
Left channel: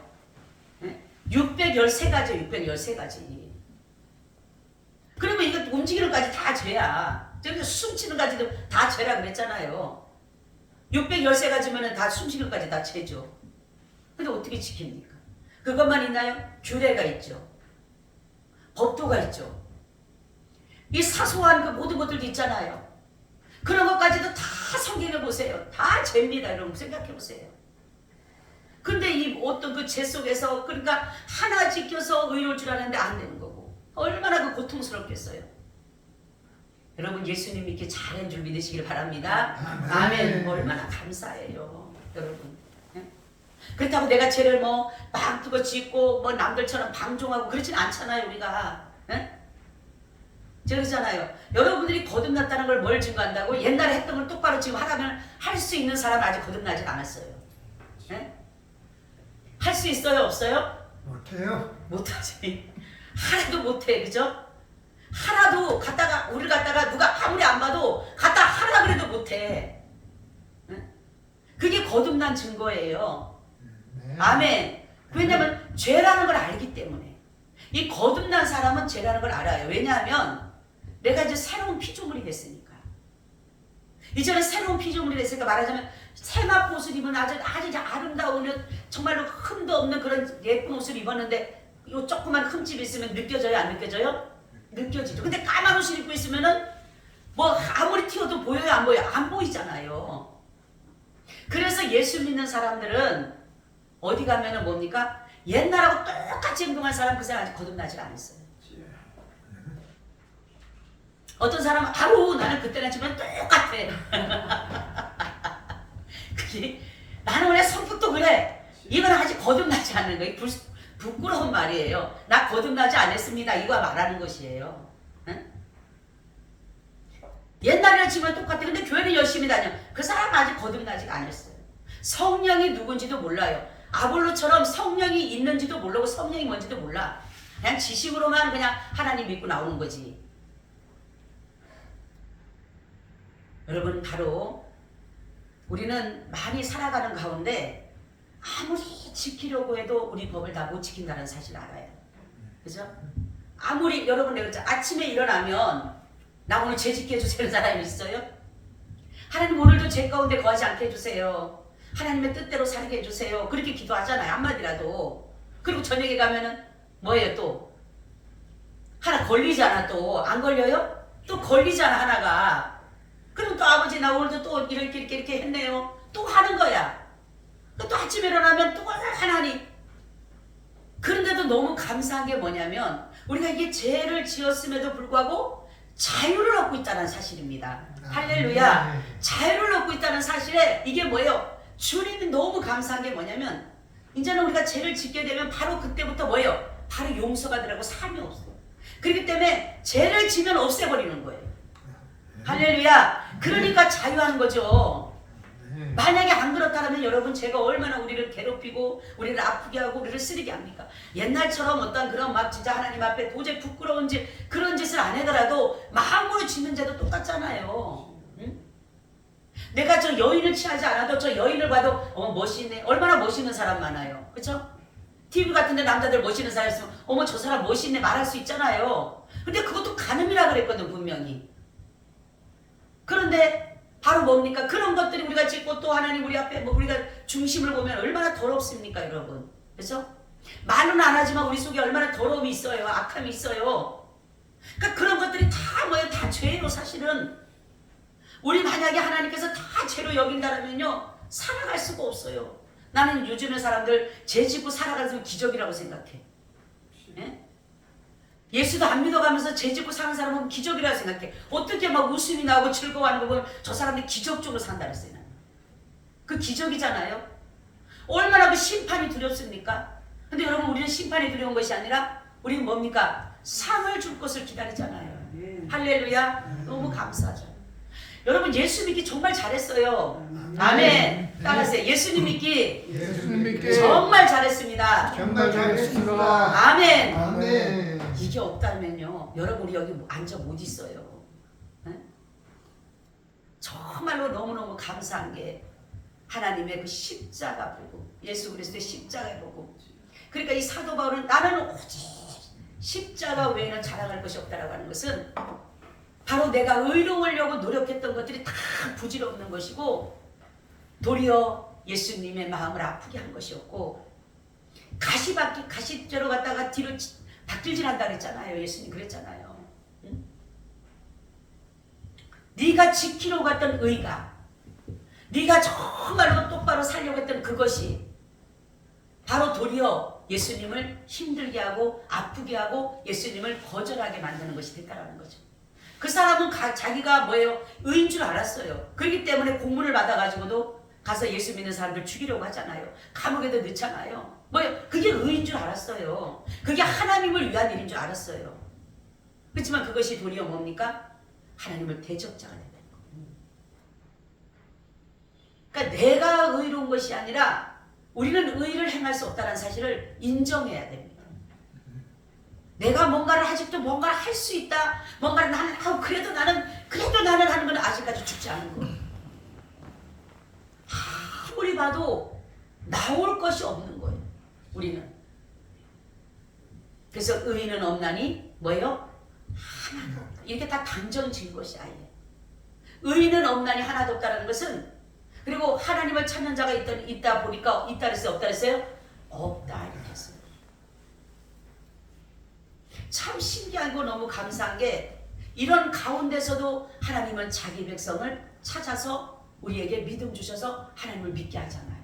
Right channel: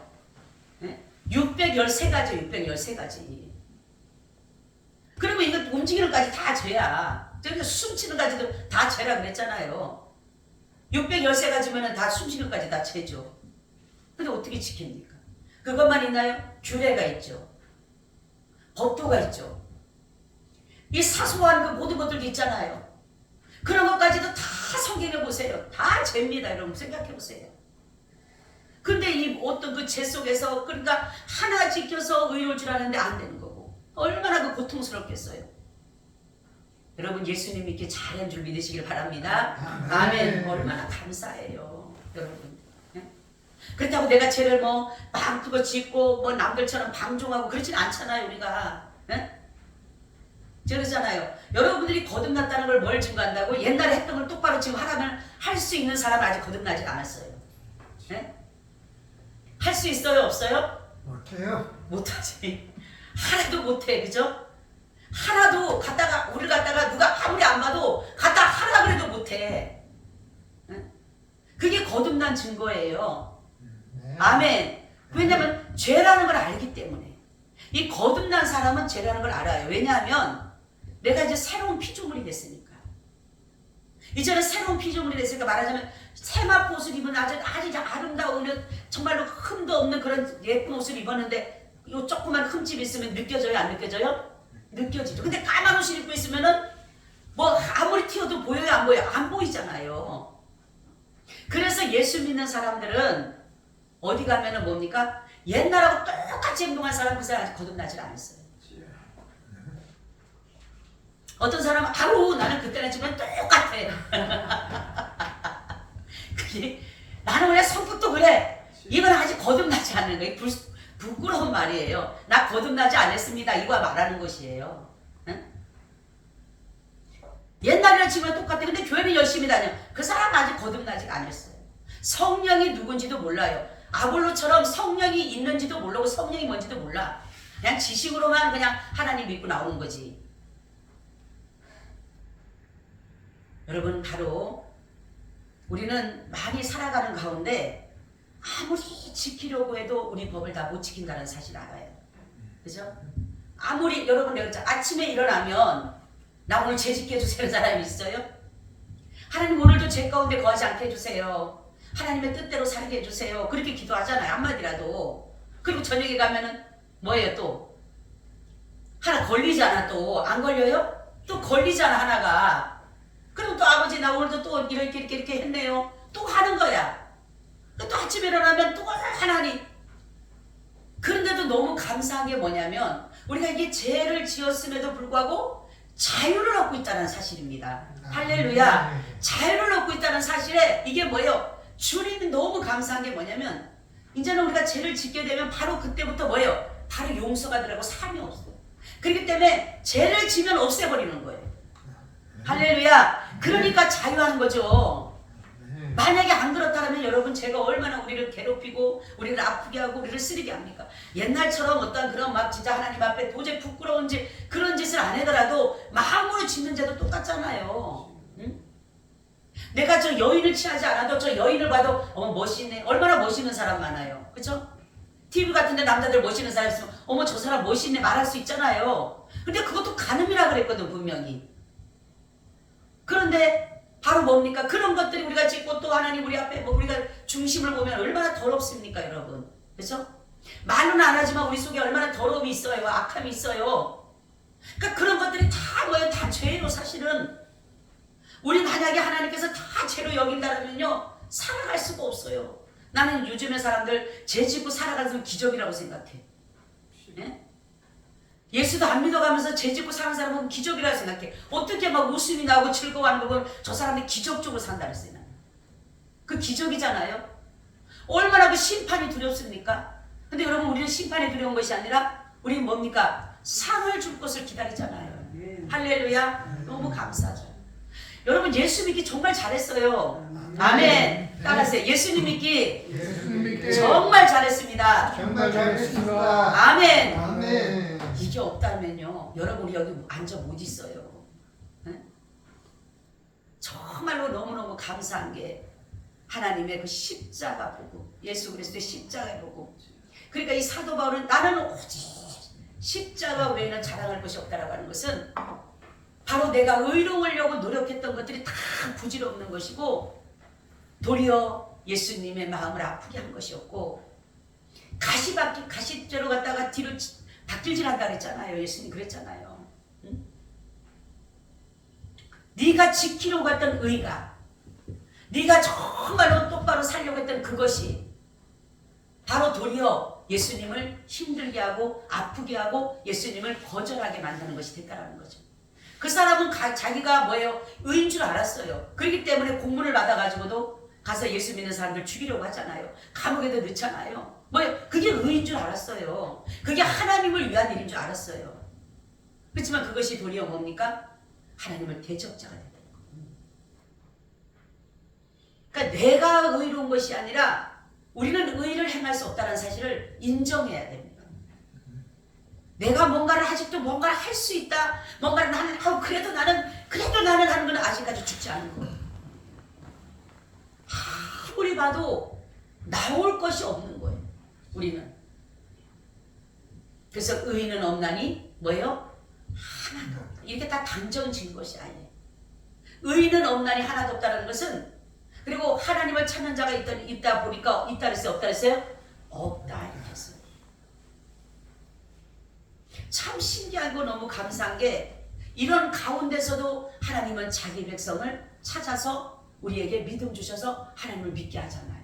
네? 613가지, 613가지. 그러면 이거 움직이는 것까지 다 죄야. 저기 숨쉬는 것까지도 다 죄라 그랬잖아요. 613가지면 다 숨쉬는 것까지 다 죄죠. 근데 어떻게 지킵니까? 그것만 있나요? 규례가 있죠. 법도가 있죠. 이 사소한 그 모든 것들도 있잖아요. 그런 것까지도 다 성경에 보세요. 다 죄입니다. 여러분 생각해 보세요. 근데 이 어떤 그 죄 속에서 그러니까 하나 지켜서 의로울 줄 아는데 안 되는 거고 얼마나 그 고통스럽겠어요. 여러분 예수님 믿기 잘한 줄 믿으시길 바랍니다. 아멘. 얼마나 감사해요, 여러분. 그렇다고 내가 죄를 막 짓고 남들처럼 방종하고 그렇진 않잖아요, 우리가. 그러잖아요. 여러분들이 거듭났다는 걸 뭘 증거한다고? 옛날에 했던 걸 똑바로 지금 하라면 할 수 있는 사람은 아직 거듭나지 않았어요. 할 수 있어요, 없어요? 못해요. 못하지. 하나도 못해, 그죠? 하나도 우리 갖다가 누가 아무리 안 봐도 갖다 하라 그래도 못해. 그게 거듭난 증거예요. 네. 아멘. 왜냐하면 죄라는 걸 알기 때문에. 이 거듭난 사람은 죄라는 걸 알아요. 왜냐하면 내가 이제 새로운 피조물이 됐으니까. 이제는 새로운 피조물이 됐으니까 말하자면 세마포 옷을 입은 아주 아름다운 정말로 흠도 없는 그런 예쁜 옷을 입었는데 요 조그만 흠집 있으면 느껴져요? 안 느껴져요? 느껴지죠. 근데 까만 옷을 입고 있으면은 아무리 튀어도 보여요? 안 보여요? 안 보이잖아요. 그래서 예수 믿는 사람들은 어디 가면은 뭡니까? 옛날하고 똑같이 행동한 사람 그 사람 아직 거듭나질 않았어요. 어떤 사람은 나는 그때랑 지금 똑같아. 그게 나는 원래 성격도 그래. 이건 아직 거듭나지 않는 거예요. 부끄러운 말이에요. 나 거듭나지 않았습니다. 이거 말하는 것이에요. 응? 옛날이랑 지금은 똑같아. 근데 교회는 열심히 다녀. 그 사람은 아직 거듭나지 않았어요. 성령이 누군지도 몰라요. 아볼로처럼 성령이 있는지도 모르고 성령이 뭔지도 몰라. 그냥 지식으로만 그냥 하나님 믿고 나오는 거지. 여러분 바로 우리는 많이 살아가는 가운데 아무리 지키려고 해도 우리 법을 다 못 지킨다는 사실 알아요. 그죠? 아무리 여러분 내가 아침에 일어나면 나 오늘 죄 짓게 해주세요 사람이 있어요? 하나님 오늘도 죄 가운데 거하지 않게 해주세요. 하나님의 뜻대로 살게 해주세요. 그렇게 기도하잖아요. 한마디라도. 그리고 저녁에 가면은 뭐예요 또? 하나 걸리지 않아 또? 안 걸려요? 또 걸리잖아 하나가. 그럼 또 아버지 나 오늘도 또 이렇게 했네요. 또 하는 거야. 또 아침에 일어나면 또 하나님. 그런데도 너무 감사한 게 뭐냐면 우리가 이게 죄를 지었음에도 불구하고 자유를 얻고 있다는 사실입니다. 할렐루야. 자유를 얻고 있다는 사실에 이게 뭐예요? 주님이 너무 감사한 게 뭐냐면 이제는 우리가 죄를 짓게 되면 바로 그때부터 뭐예요? 바로 용서가 되라고 삶이 없어. 그렇기 때문에 죄를 지면 없애버리는 거예요. 할렐루야. 그러니까 자유하는 거죠. 만약에 안 그렇다면 여러분 제가 얼마나 우리를 괴롭히고 우리를 아프게 하고 우리를 쓰리게 합니까? 옛날처럼 어떤 그런 막 진짜 하나님 앞에 도저히 부끄러운 그런 짓을 안 하더라도 마음으로 짓는 죄도 똑같잖아요. 응? 내가 저 여인을 취하지 않아도 저 여인을 봐도 멋있네. 얼마나 멋있는 사람 많아요. 그렇죠? TV 같은 데 남자들 멋있는 사람 있으면 어머 저 사람 멋있네 말할 수 있잖아요. 근데 그것도 간음이라 그랬거든 분명히. 그런데 바로 뭡니까? 그런 것들이 우리가 짓고 또 하나님 우리 앞에 우리가 중심을 보면 얼마나 더럽습니까 여러분. 그렇죠? 말은 안 하지만 우리 속에 얼마나 더러움이 있어요. 악함이 있어요. 그러니까 그런 것들이 다 뭐예요? 다 죄예요 사실은. 우리 만약에 하나님께서 다 죄로 여긴다면요 살아갈 수가 없어요. 나는 요즘에 사람들 죄 짓고 살아가는 게 기적이라고 생각해. 예? 예수도 안 믿어가면서 죄 짓고 사는 사람은 기적이라고 생각해. 어떻게 막 웃음이 나오고 즐거워하는 거 보면 저 사람들이 기적적으로 산다 그랬어요. 그 기적이잖아요. 얼마나 그 심판이 두렵습니까? 근데 여러분, 우리는 심판이 두려운 것이 아니라 우리는 뭡니까? 상을 줄 것을 기다리잖아요. 할렐루야. 너무 감사하죠. 여러분, 예수 믿기 정말 잘했어요. 아멘. 따라하세요. 예수님 믿기 예수님 믿기 정말 잘했습니다. 정말 잘했습니다. 아멘. 아멘. 이게 없다면요, 여러분이 여기 앉아 못 있어요. 네? 정말로 너무너무 감사한 게 하나님의 그 십자가 보고, 예수 그리스도의 십자가 보고, 그러니까 이 사도 바울은 나는 오직 십자가 외에는 자랑할 것이 없다라고 하는 것은 바로 내가 의로우려고 노력했던 것들이 다 부질없는 것이고, 도리어 예수님의 마음을 아프게 한 것이었고, 가시죄로 갔다가 뒤로 바뀔질한다 그랬잖아요. 예수님 그랬잖아요. 응? 네가 지키려고 했던 의가, 네가 정말로 똑바로 살려고 했던 그것이 바로 도리어 예수님을 힘들게 하고 아프게 하고 예수님을 거절하게 만드는 것이 됐다라는 거죠. 그 사람은 자기가 뭐예요? 의인 줄 알았어요. 그렇기 때문에 공문을 받아가지고도 가서 예수 믿는 사람들 죽이려고 하잖아요. 감옥에도 넣잖아요. 뭐예요? 그게 의인 줄 알았어요. 그게 하나님을 위한 일인 줄 알았어요. 그렇지만 그것이 도리어 뭡니까? 하나님을 대적자가 된다는 거예요. 그러니까 내가 의로운 것이 아니라 우리는 의를 행할 수 없다는 사실을 인정해야 됩니다. 내가 뭔가를 아직도 뭔가를 할 수 있다. 뭔가를 나는 그래도 나는 하는 건 아직까지 죽지 않은 거예요. 아무리 봐도 나올 것이 없는 거예요. 우리는. 그래서 의인은 없나니 뭐예요? 하나도 없다. 이렇게 다 단정진 것이 아니에요. 의인은 없나니 하나도 없다는 것은, 그리고 하나님을 찾는 자가 있다 보니까 있다 그랬어요? 없다 그랬어요? 없다 이렇게 했어요. 참 신기하고 너무 감사한 게, 이런 가운데서도 하나님은 자기 백성을 찾아서 우리에게 믿음 주셔서 하나님을 믿게 하잖아요.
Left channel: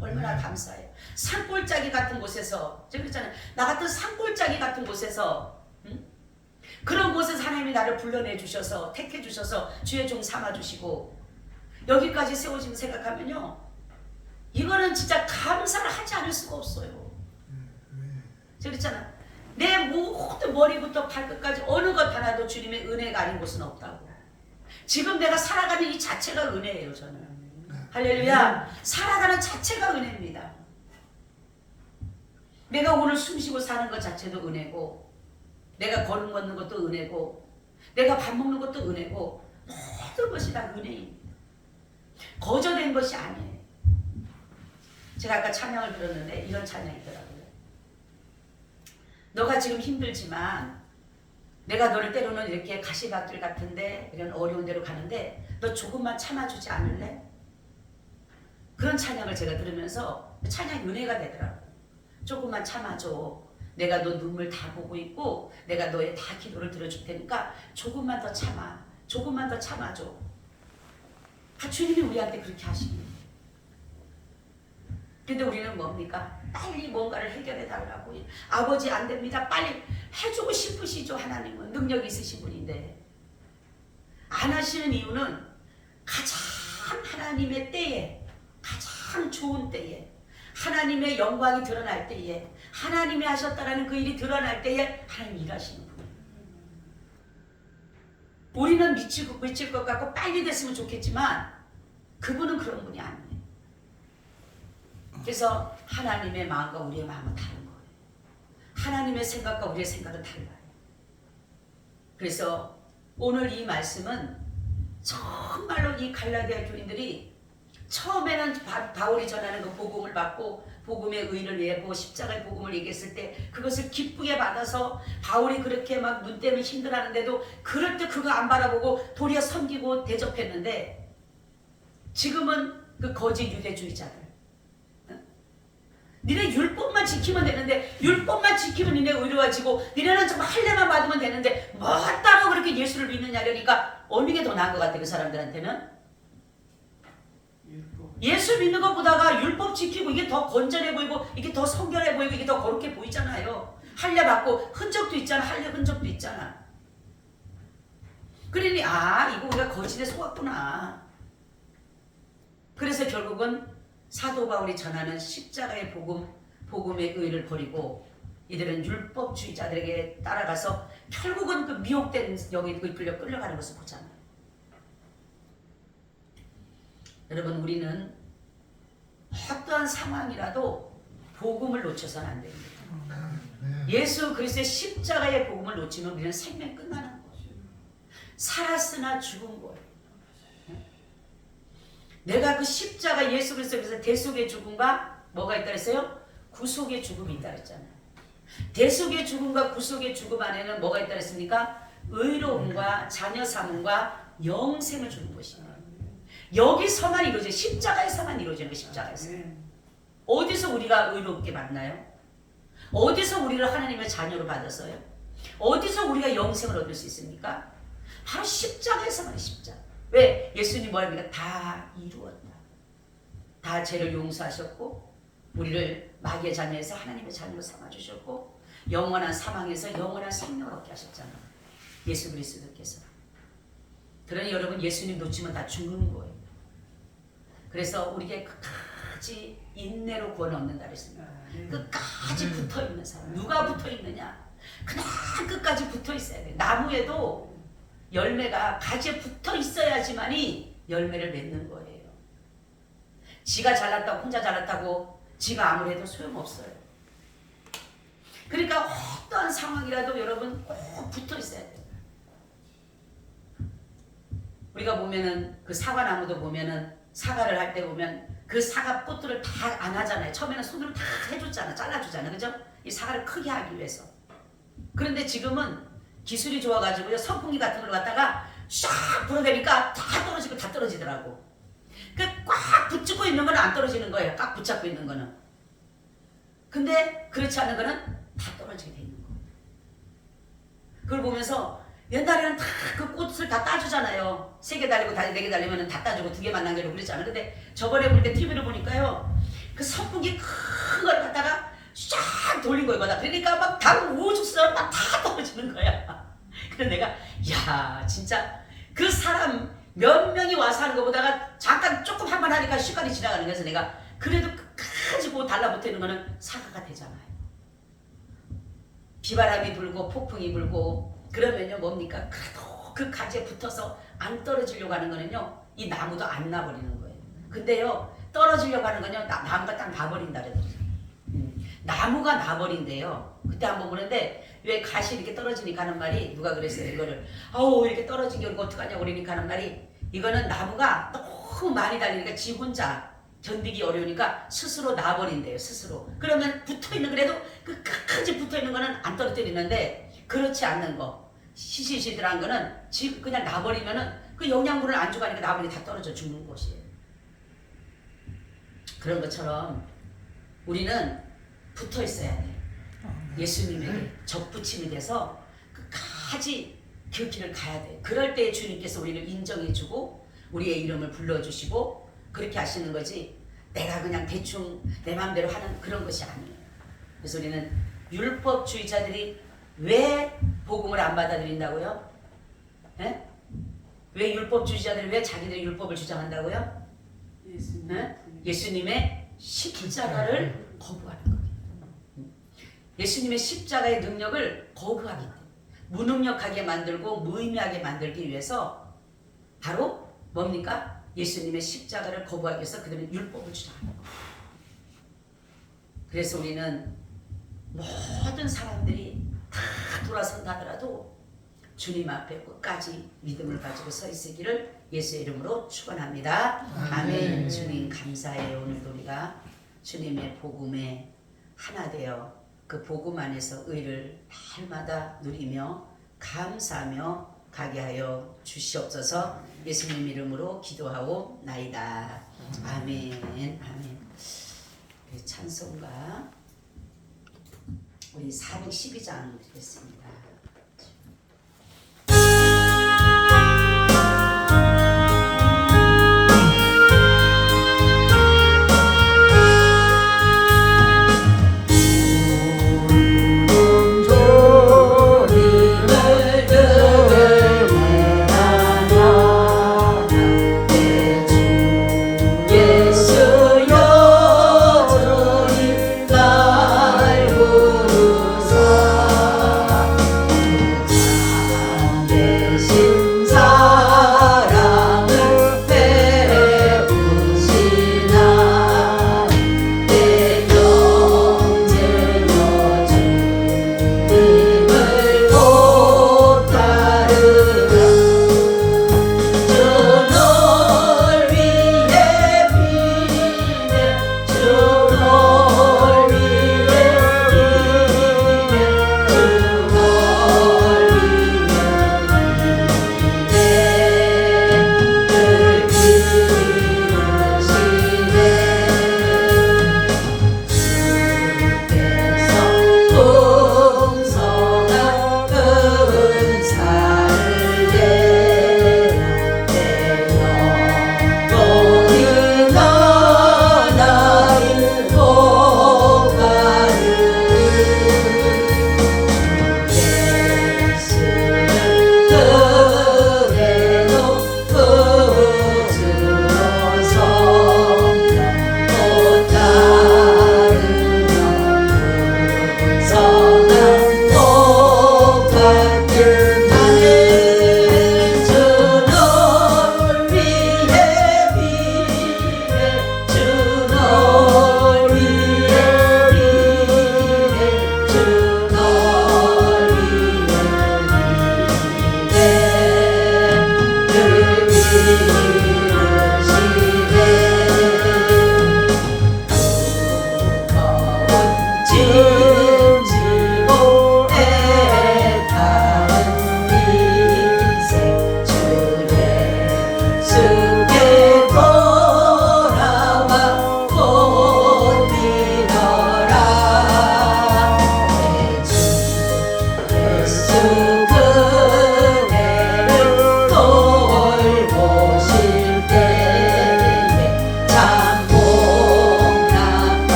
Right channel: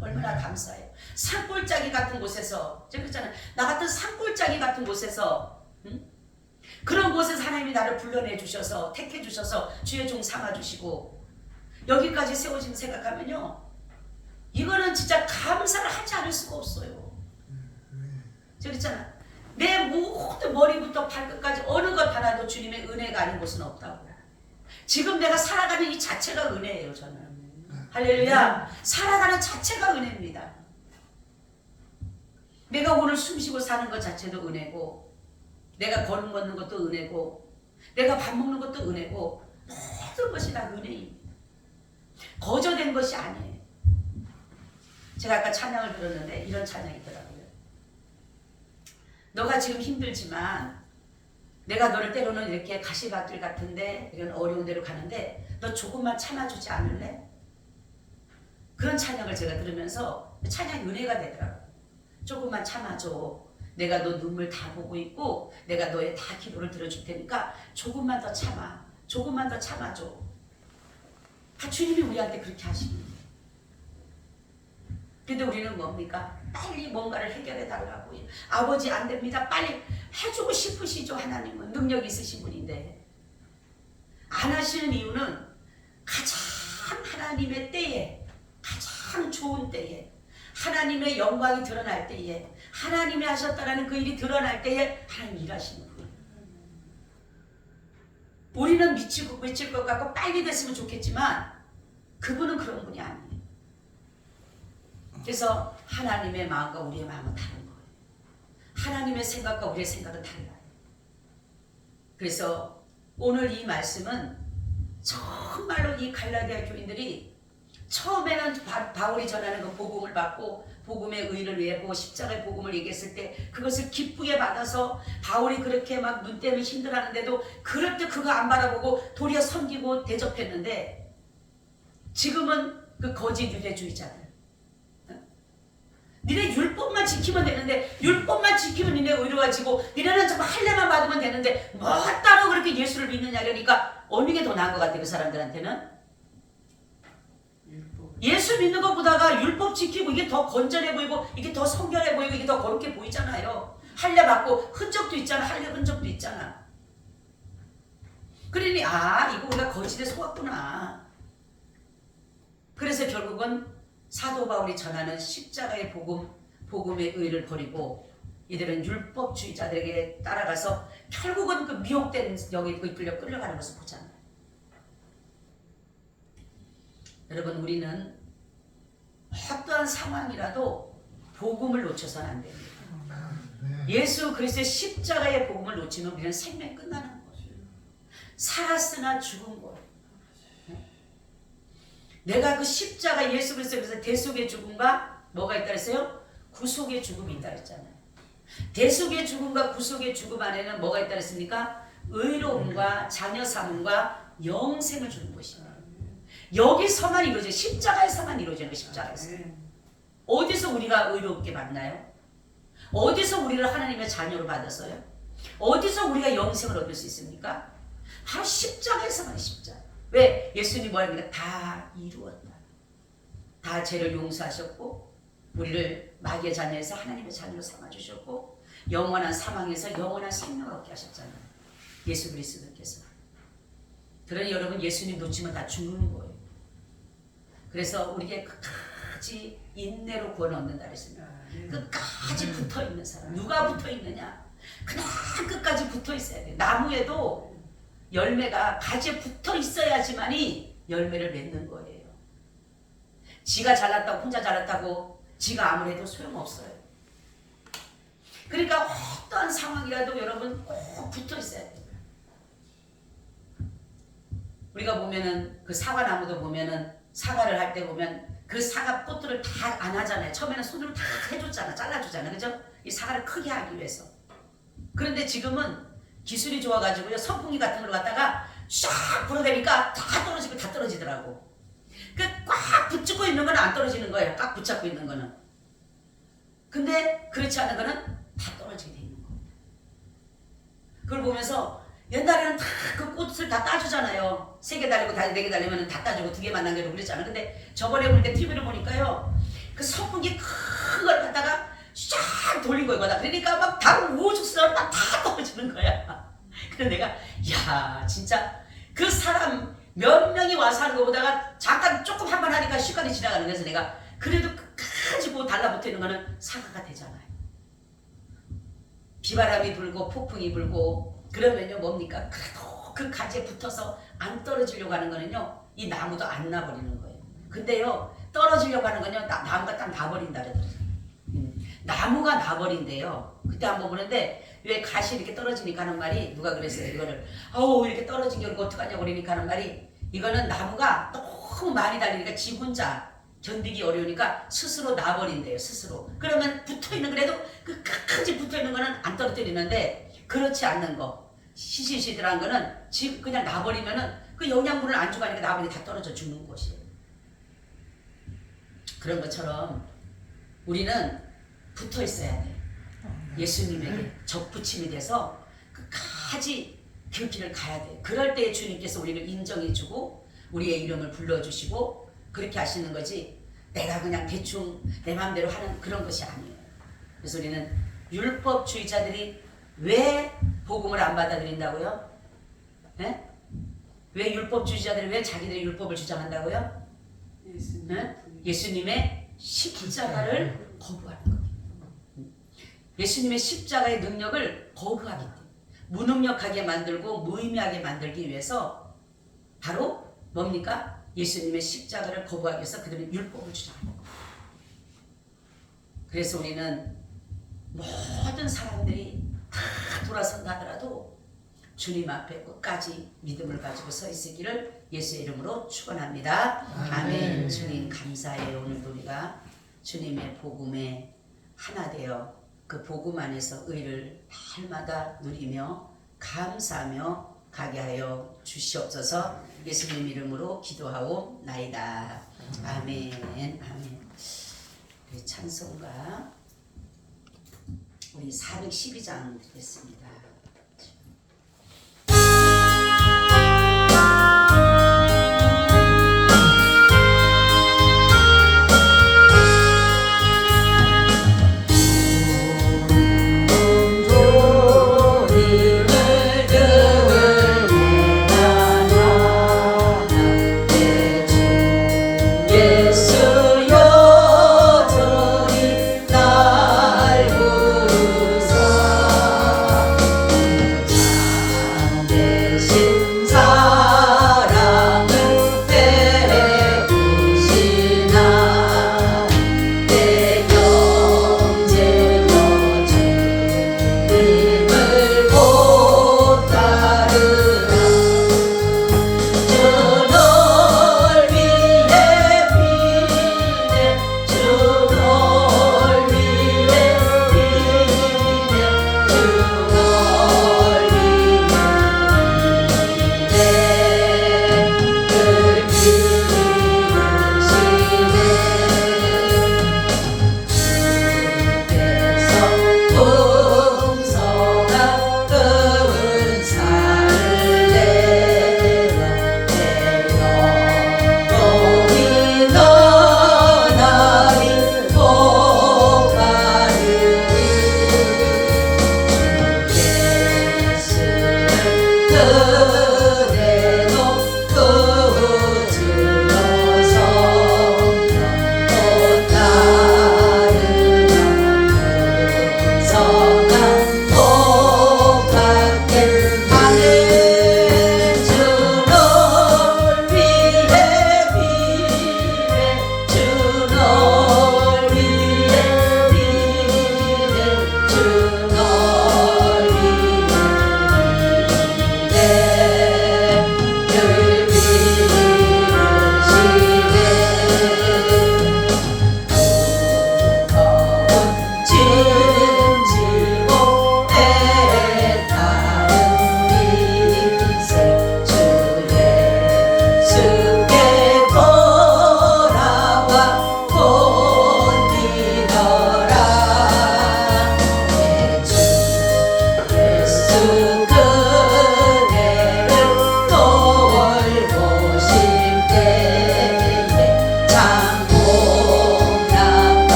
얼마나 감사해요. 산골짜기 같은 곳에서, 제가 그랬잖아요. 나 같은 산골짜기 같은 곳에서, 그런 곳에서 하나님이 나를 불러내 주셔서 택해 주셔서 주의 종 삼아 주시고 여기까지 세워진 생각하면요, 이거는 진짜 감사를 하지 않을 수가 없어요. 제가 그랬잖아. 내 모든 머리부터 발끝까지 어느 것 하나도 주님의 은혜가 아닌 곳은 없다고. 지금 내가 살아가는 이 자체가 은혜예요. 저는 할렐루야. 살아가는 자체가 은혜입니다. 내가 오늘 숨쉬고 사는 것 자체도 은혜고, 내가 걸음 걷는 것도 은혜고, 내가 밥 먹는 것도 은혜고, 모든 것이 다 은혜입니다. 거저된 것이 아니에요. 제가 아까 찬양을 들었는데 이런 찬양이 있더라고요. 너가 지금 힘들지만 내가 너를 때로는 이렇게 가시밭길 같은데 이런 어려운 데로 가는데 너 조금만 참아주지 않을래? 그런 찬양을 제가 들으면서 찬양이 은혜가 되더라고요. 조금만 참아줘. 내가 너 눈물 다 보고 있고 내가 너의 다 기도를 들어줄 테니까 조금만 더 참아. 조금만 더 참아줘. 주님이 우리한테 그렇게 하시는 거예요. 근데 우리는 뭡니까? 빨리 뭔가를 해결해 달라고. 아버지 안 됩니다. 빨리 해주고 싶으시죠. 하나님은 능력이 있으신 분인데 안 하시는 이유는 가장 하나님의 때에, 가장 좋은 때에, 하나님의 영광이 드러날 때에, 하나님이 하셨다라는 그 일이 드러날 때에 하나님 일하시는 분이에요. 우리는 미칠 것 같고 빨리 됐으면 좋겠지만 그분은 그런 분이 아니에요. 그래서 하나님의 마음과 우리의 마음은 다른 거예요. 하나님의 생각과 우리의 생각은 달라요. 그래서 오늘 이 말씀은 정말로 이 갈라디아 교인들이 처음에는 바울이 전하는 그 복음을 받고 복음의 의를 위해 십자가의 복음을 얘기했을 때 그것을 기쁘게 받아서 바울이 그렇게 막 눈 때문에 힘들어하는데도 그럴 때 그거 안 바라보고 도리어 섬기고 대접했는데, 지금은 그 거짓 유대주의자들, 니네 율법만 지키면 되는데, 율법만 지키면 니네 의로워지고 니네는 정말 할례만 받으면 되는데 뭐 따로 그렇게 예수를 믿느냐. 그러니까 어느 게 더 나은 것 같아. 그 사람들한테는 율법. 예수 믿는 것보다가 율법 지키고 이게 더 건전해 보이고 이게 더 성결해 보이고 이게 더 거룩해 보이잖아요. 할례 받고 흔적도 있잖아. 할례 흔적도 있잖아. 그러니 이거 우리가 거짓에 속았구나. 그래서 결국은 사도 바울이 전하는 십자가의 복음의 의를 버리고 이들은 율법주의자들에게 따라가서 결국은 그 미혹된 영에 이끌려 끌려가는 것을 보잖아요. 여러분, 우리는 어떠한 상황이라도 복음을 놓쳐서는 안 됩니다. 예수 그리스도의 십자가의 복음을 놓치면 우리는 생명이 끝나는 거예요. 살았으나 죽은 거예요. 내가 그 십자가 예수 그리스도에서 대속의 죽음과 뭐가 있다 그랬어요? 구속의 죽음이 있다 그랬잖아요. 대속의 죽음과 구속의 죽음 안에는 뭐가 있다 그랬습니까? 의로움과 자녀 삼음과 영생을 주는 것입니다. 여기서만 이루어져요. 십자가에서만 이루어지는 거예요. 십자가에서. 어디서 우리가 의롭게 만나요? 어디서 우리를 하나님의 자녀로 받았어요? 어디서 우리가 영생을 얻을 수 있습니까? 바로 십자가에서만. 십자가. 왜? 예수님이 뭐라 합니까? 다 이루었다. 다 죄를 용서하셨고 우리를 마귀의 자녀에서 하나님의 자녀로 삼아주셨고 영원한 사망에서 영원한 생명을 얻게 하셨잖아요. 예수 그리스도께서. 그러니 여러분, 예수님 놓치면 다 죽는 거예요. 그래서 우리에게 끝까지 인내로 구원 얻는다 그랬습니다. 끝까지 붙어있는 사람. 누가 붙어있느냐? 그냥 끝까지 붙어있어야 돼. 나무에도 열매가 가지에 붙어있어야지만이 열매를 맺는 거예요. 지가 잘났다고 혼자 잘났다고 지가 아무리 해도 소용없어요. 그러니까 어떠한 상황이라도 여러분 꼭 붙어있어야 돼요. 우리가 보면은 그 사과나무도 보면은 사과를 할 때 보면 그 사과 꽃들을 다 안 하잖아요. 처음에는 손으로 다 해줬잖아. 잘라주잖아. 그죠? 이 사과를 크게 하기 위해서. 그런데 지금은 기술이 좋아가지고요. 선풍기 같은 걸 갖다가 샥 불어대니까 다 떨어지고 다 떨어지더라고. 그 꽉 붙잡고 있는 거는 안 떨어지는 거예요. 꽉 붙잡고 있는 거는. 근데 그렇지 않은 거는 다 떨어지게 돼 있는 거예요. 그걸 보면서 옛날에는 다 그 꽃을 다 따주잖아요. 3개 달리고 4개 달리면 다 따주고 2개만 남겨두고 그랬잖아요. 근데 저번에 보니까 TV를 보니까요. 그 선풍기 큰 걸 갖다가 쫙 돌린 거예요. 그러니까 막 당 우죽스러워 막 다 떨어지는 거야. 그래서 내가 야 진짜 그 사람 몇 명이 와서 하는 것보다가 잠깐 조금 한 번 하니까 시간이 지나가는 거여서 내가 그래도 끝까지 그 달라붙어 있는 거는 사과가 되잖아요. 비바람이 불고 폭풍이 불고 그러면요 뭡니까? 그래도 그 가지에 붙어서 안 떨어지려고 하는 거는요 이 나무도 안 나버리는 거예요. 근데요 떨어지려고 하는 건요 나무가 딱 나버린다 그러더라고요. 나무가 나버린대요. 그때 한번 보는데 왜 가시 이렇게 떨어지니까 하는 말이 누가 그랬어요. 이거를 아우 이렇게 떨어진 게 어떡하냐고 그러니까 하는 말이 이거는 나무가 너무 많이 달리니까 지 혼자 견디기 어려우니까 스스로 나버린대요. 스스로. 그러면 붙어있는 그래도 그 끝까지 붙어있는 거는 안 떨어뜨리는데 그렇지 않는 거 시시시들한 거는 지금 그냥 나버리면은 그 영양분을 안 주가니까 나버리게 다 떨어져 죽는 것이에요. 그런 것처럼 우리는 붙어 있어야 돼요. 예수님에게 적붙임이 돼서 끝까지 그 길을 가야 돼요. 그럴 때 주님께서 우리를 인정해주고 우리의 이름을 불러주시고 그렇게 하시는 거지 내가 그냥 대충 내 마음대로 하는 그런 것이 아니에요. 그래서 우리는 율법주의자들이 왜 복음을 안 받아들인다고요? 네? 왜 율법주의자들이 왜 자기들이 율법을 주장한다고요? 네? 예수님의 십자가를 거부하는 거예요. 예수님의 십자가의 능력을 거부하기 때문에 무능력하게 만들고 무의미하게 만들기 위해서 바로 뭡니까? 예수님의 십자가를 거부하기 위해서 그들은 율법을 주장하는 거예요. 그래서 우리는 모든 사람들이 다 돌아선다 하더라도 주님 앞에 끝까지 믿음을 가지고 서 있으기를 예수의 이름으로 축원합니다. 아멘. 주님 감사해요. 오늘도 우리가 주님의 복음에 하나 되어 그 복음 안에서 의를 날마다 누리며 감사하며 가게 하여 주시옵소서. 예수님 이름으로 기도하옵나이다. 아멘. 아멘. 우리 찬송가 우리 412장 드리겠습니다.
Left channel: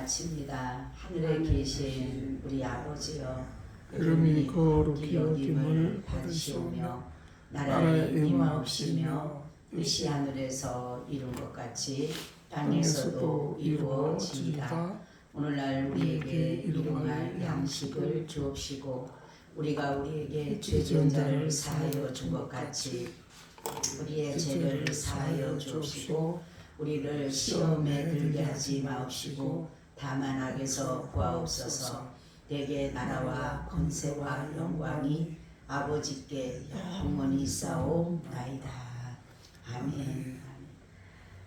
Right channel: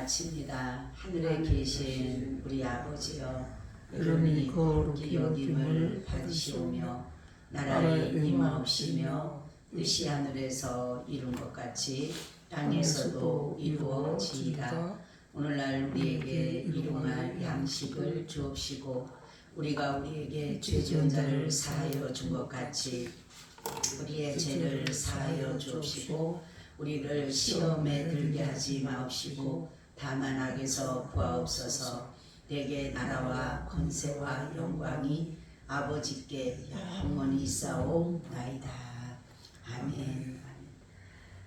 마칩니다. 하늘에 계신 우리 아버지여, 이름이 거룩히 여김을 받으시오며 나라의 임하옵시며 뜻이 하늘에서 이룬 것 같이 땅에서도 이루어지이다. 오늘날 우리에게 일용할 양식을 주옵시고 우리가 우리에게 죄 지은 자를 사하여 준 것 같이 우리의 죄를 사하여 주옵시고 우리를 시험에 들게 하지 마옵시고 다만 악에서 구하옵소서. 내게 나라와 권세와 영광이 아버지께 영원히 있사옵나이다. 아멘.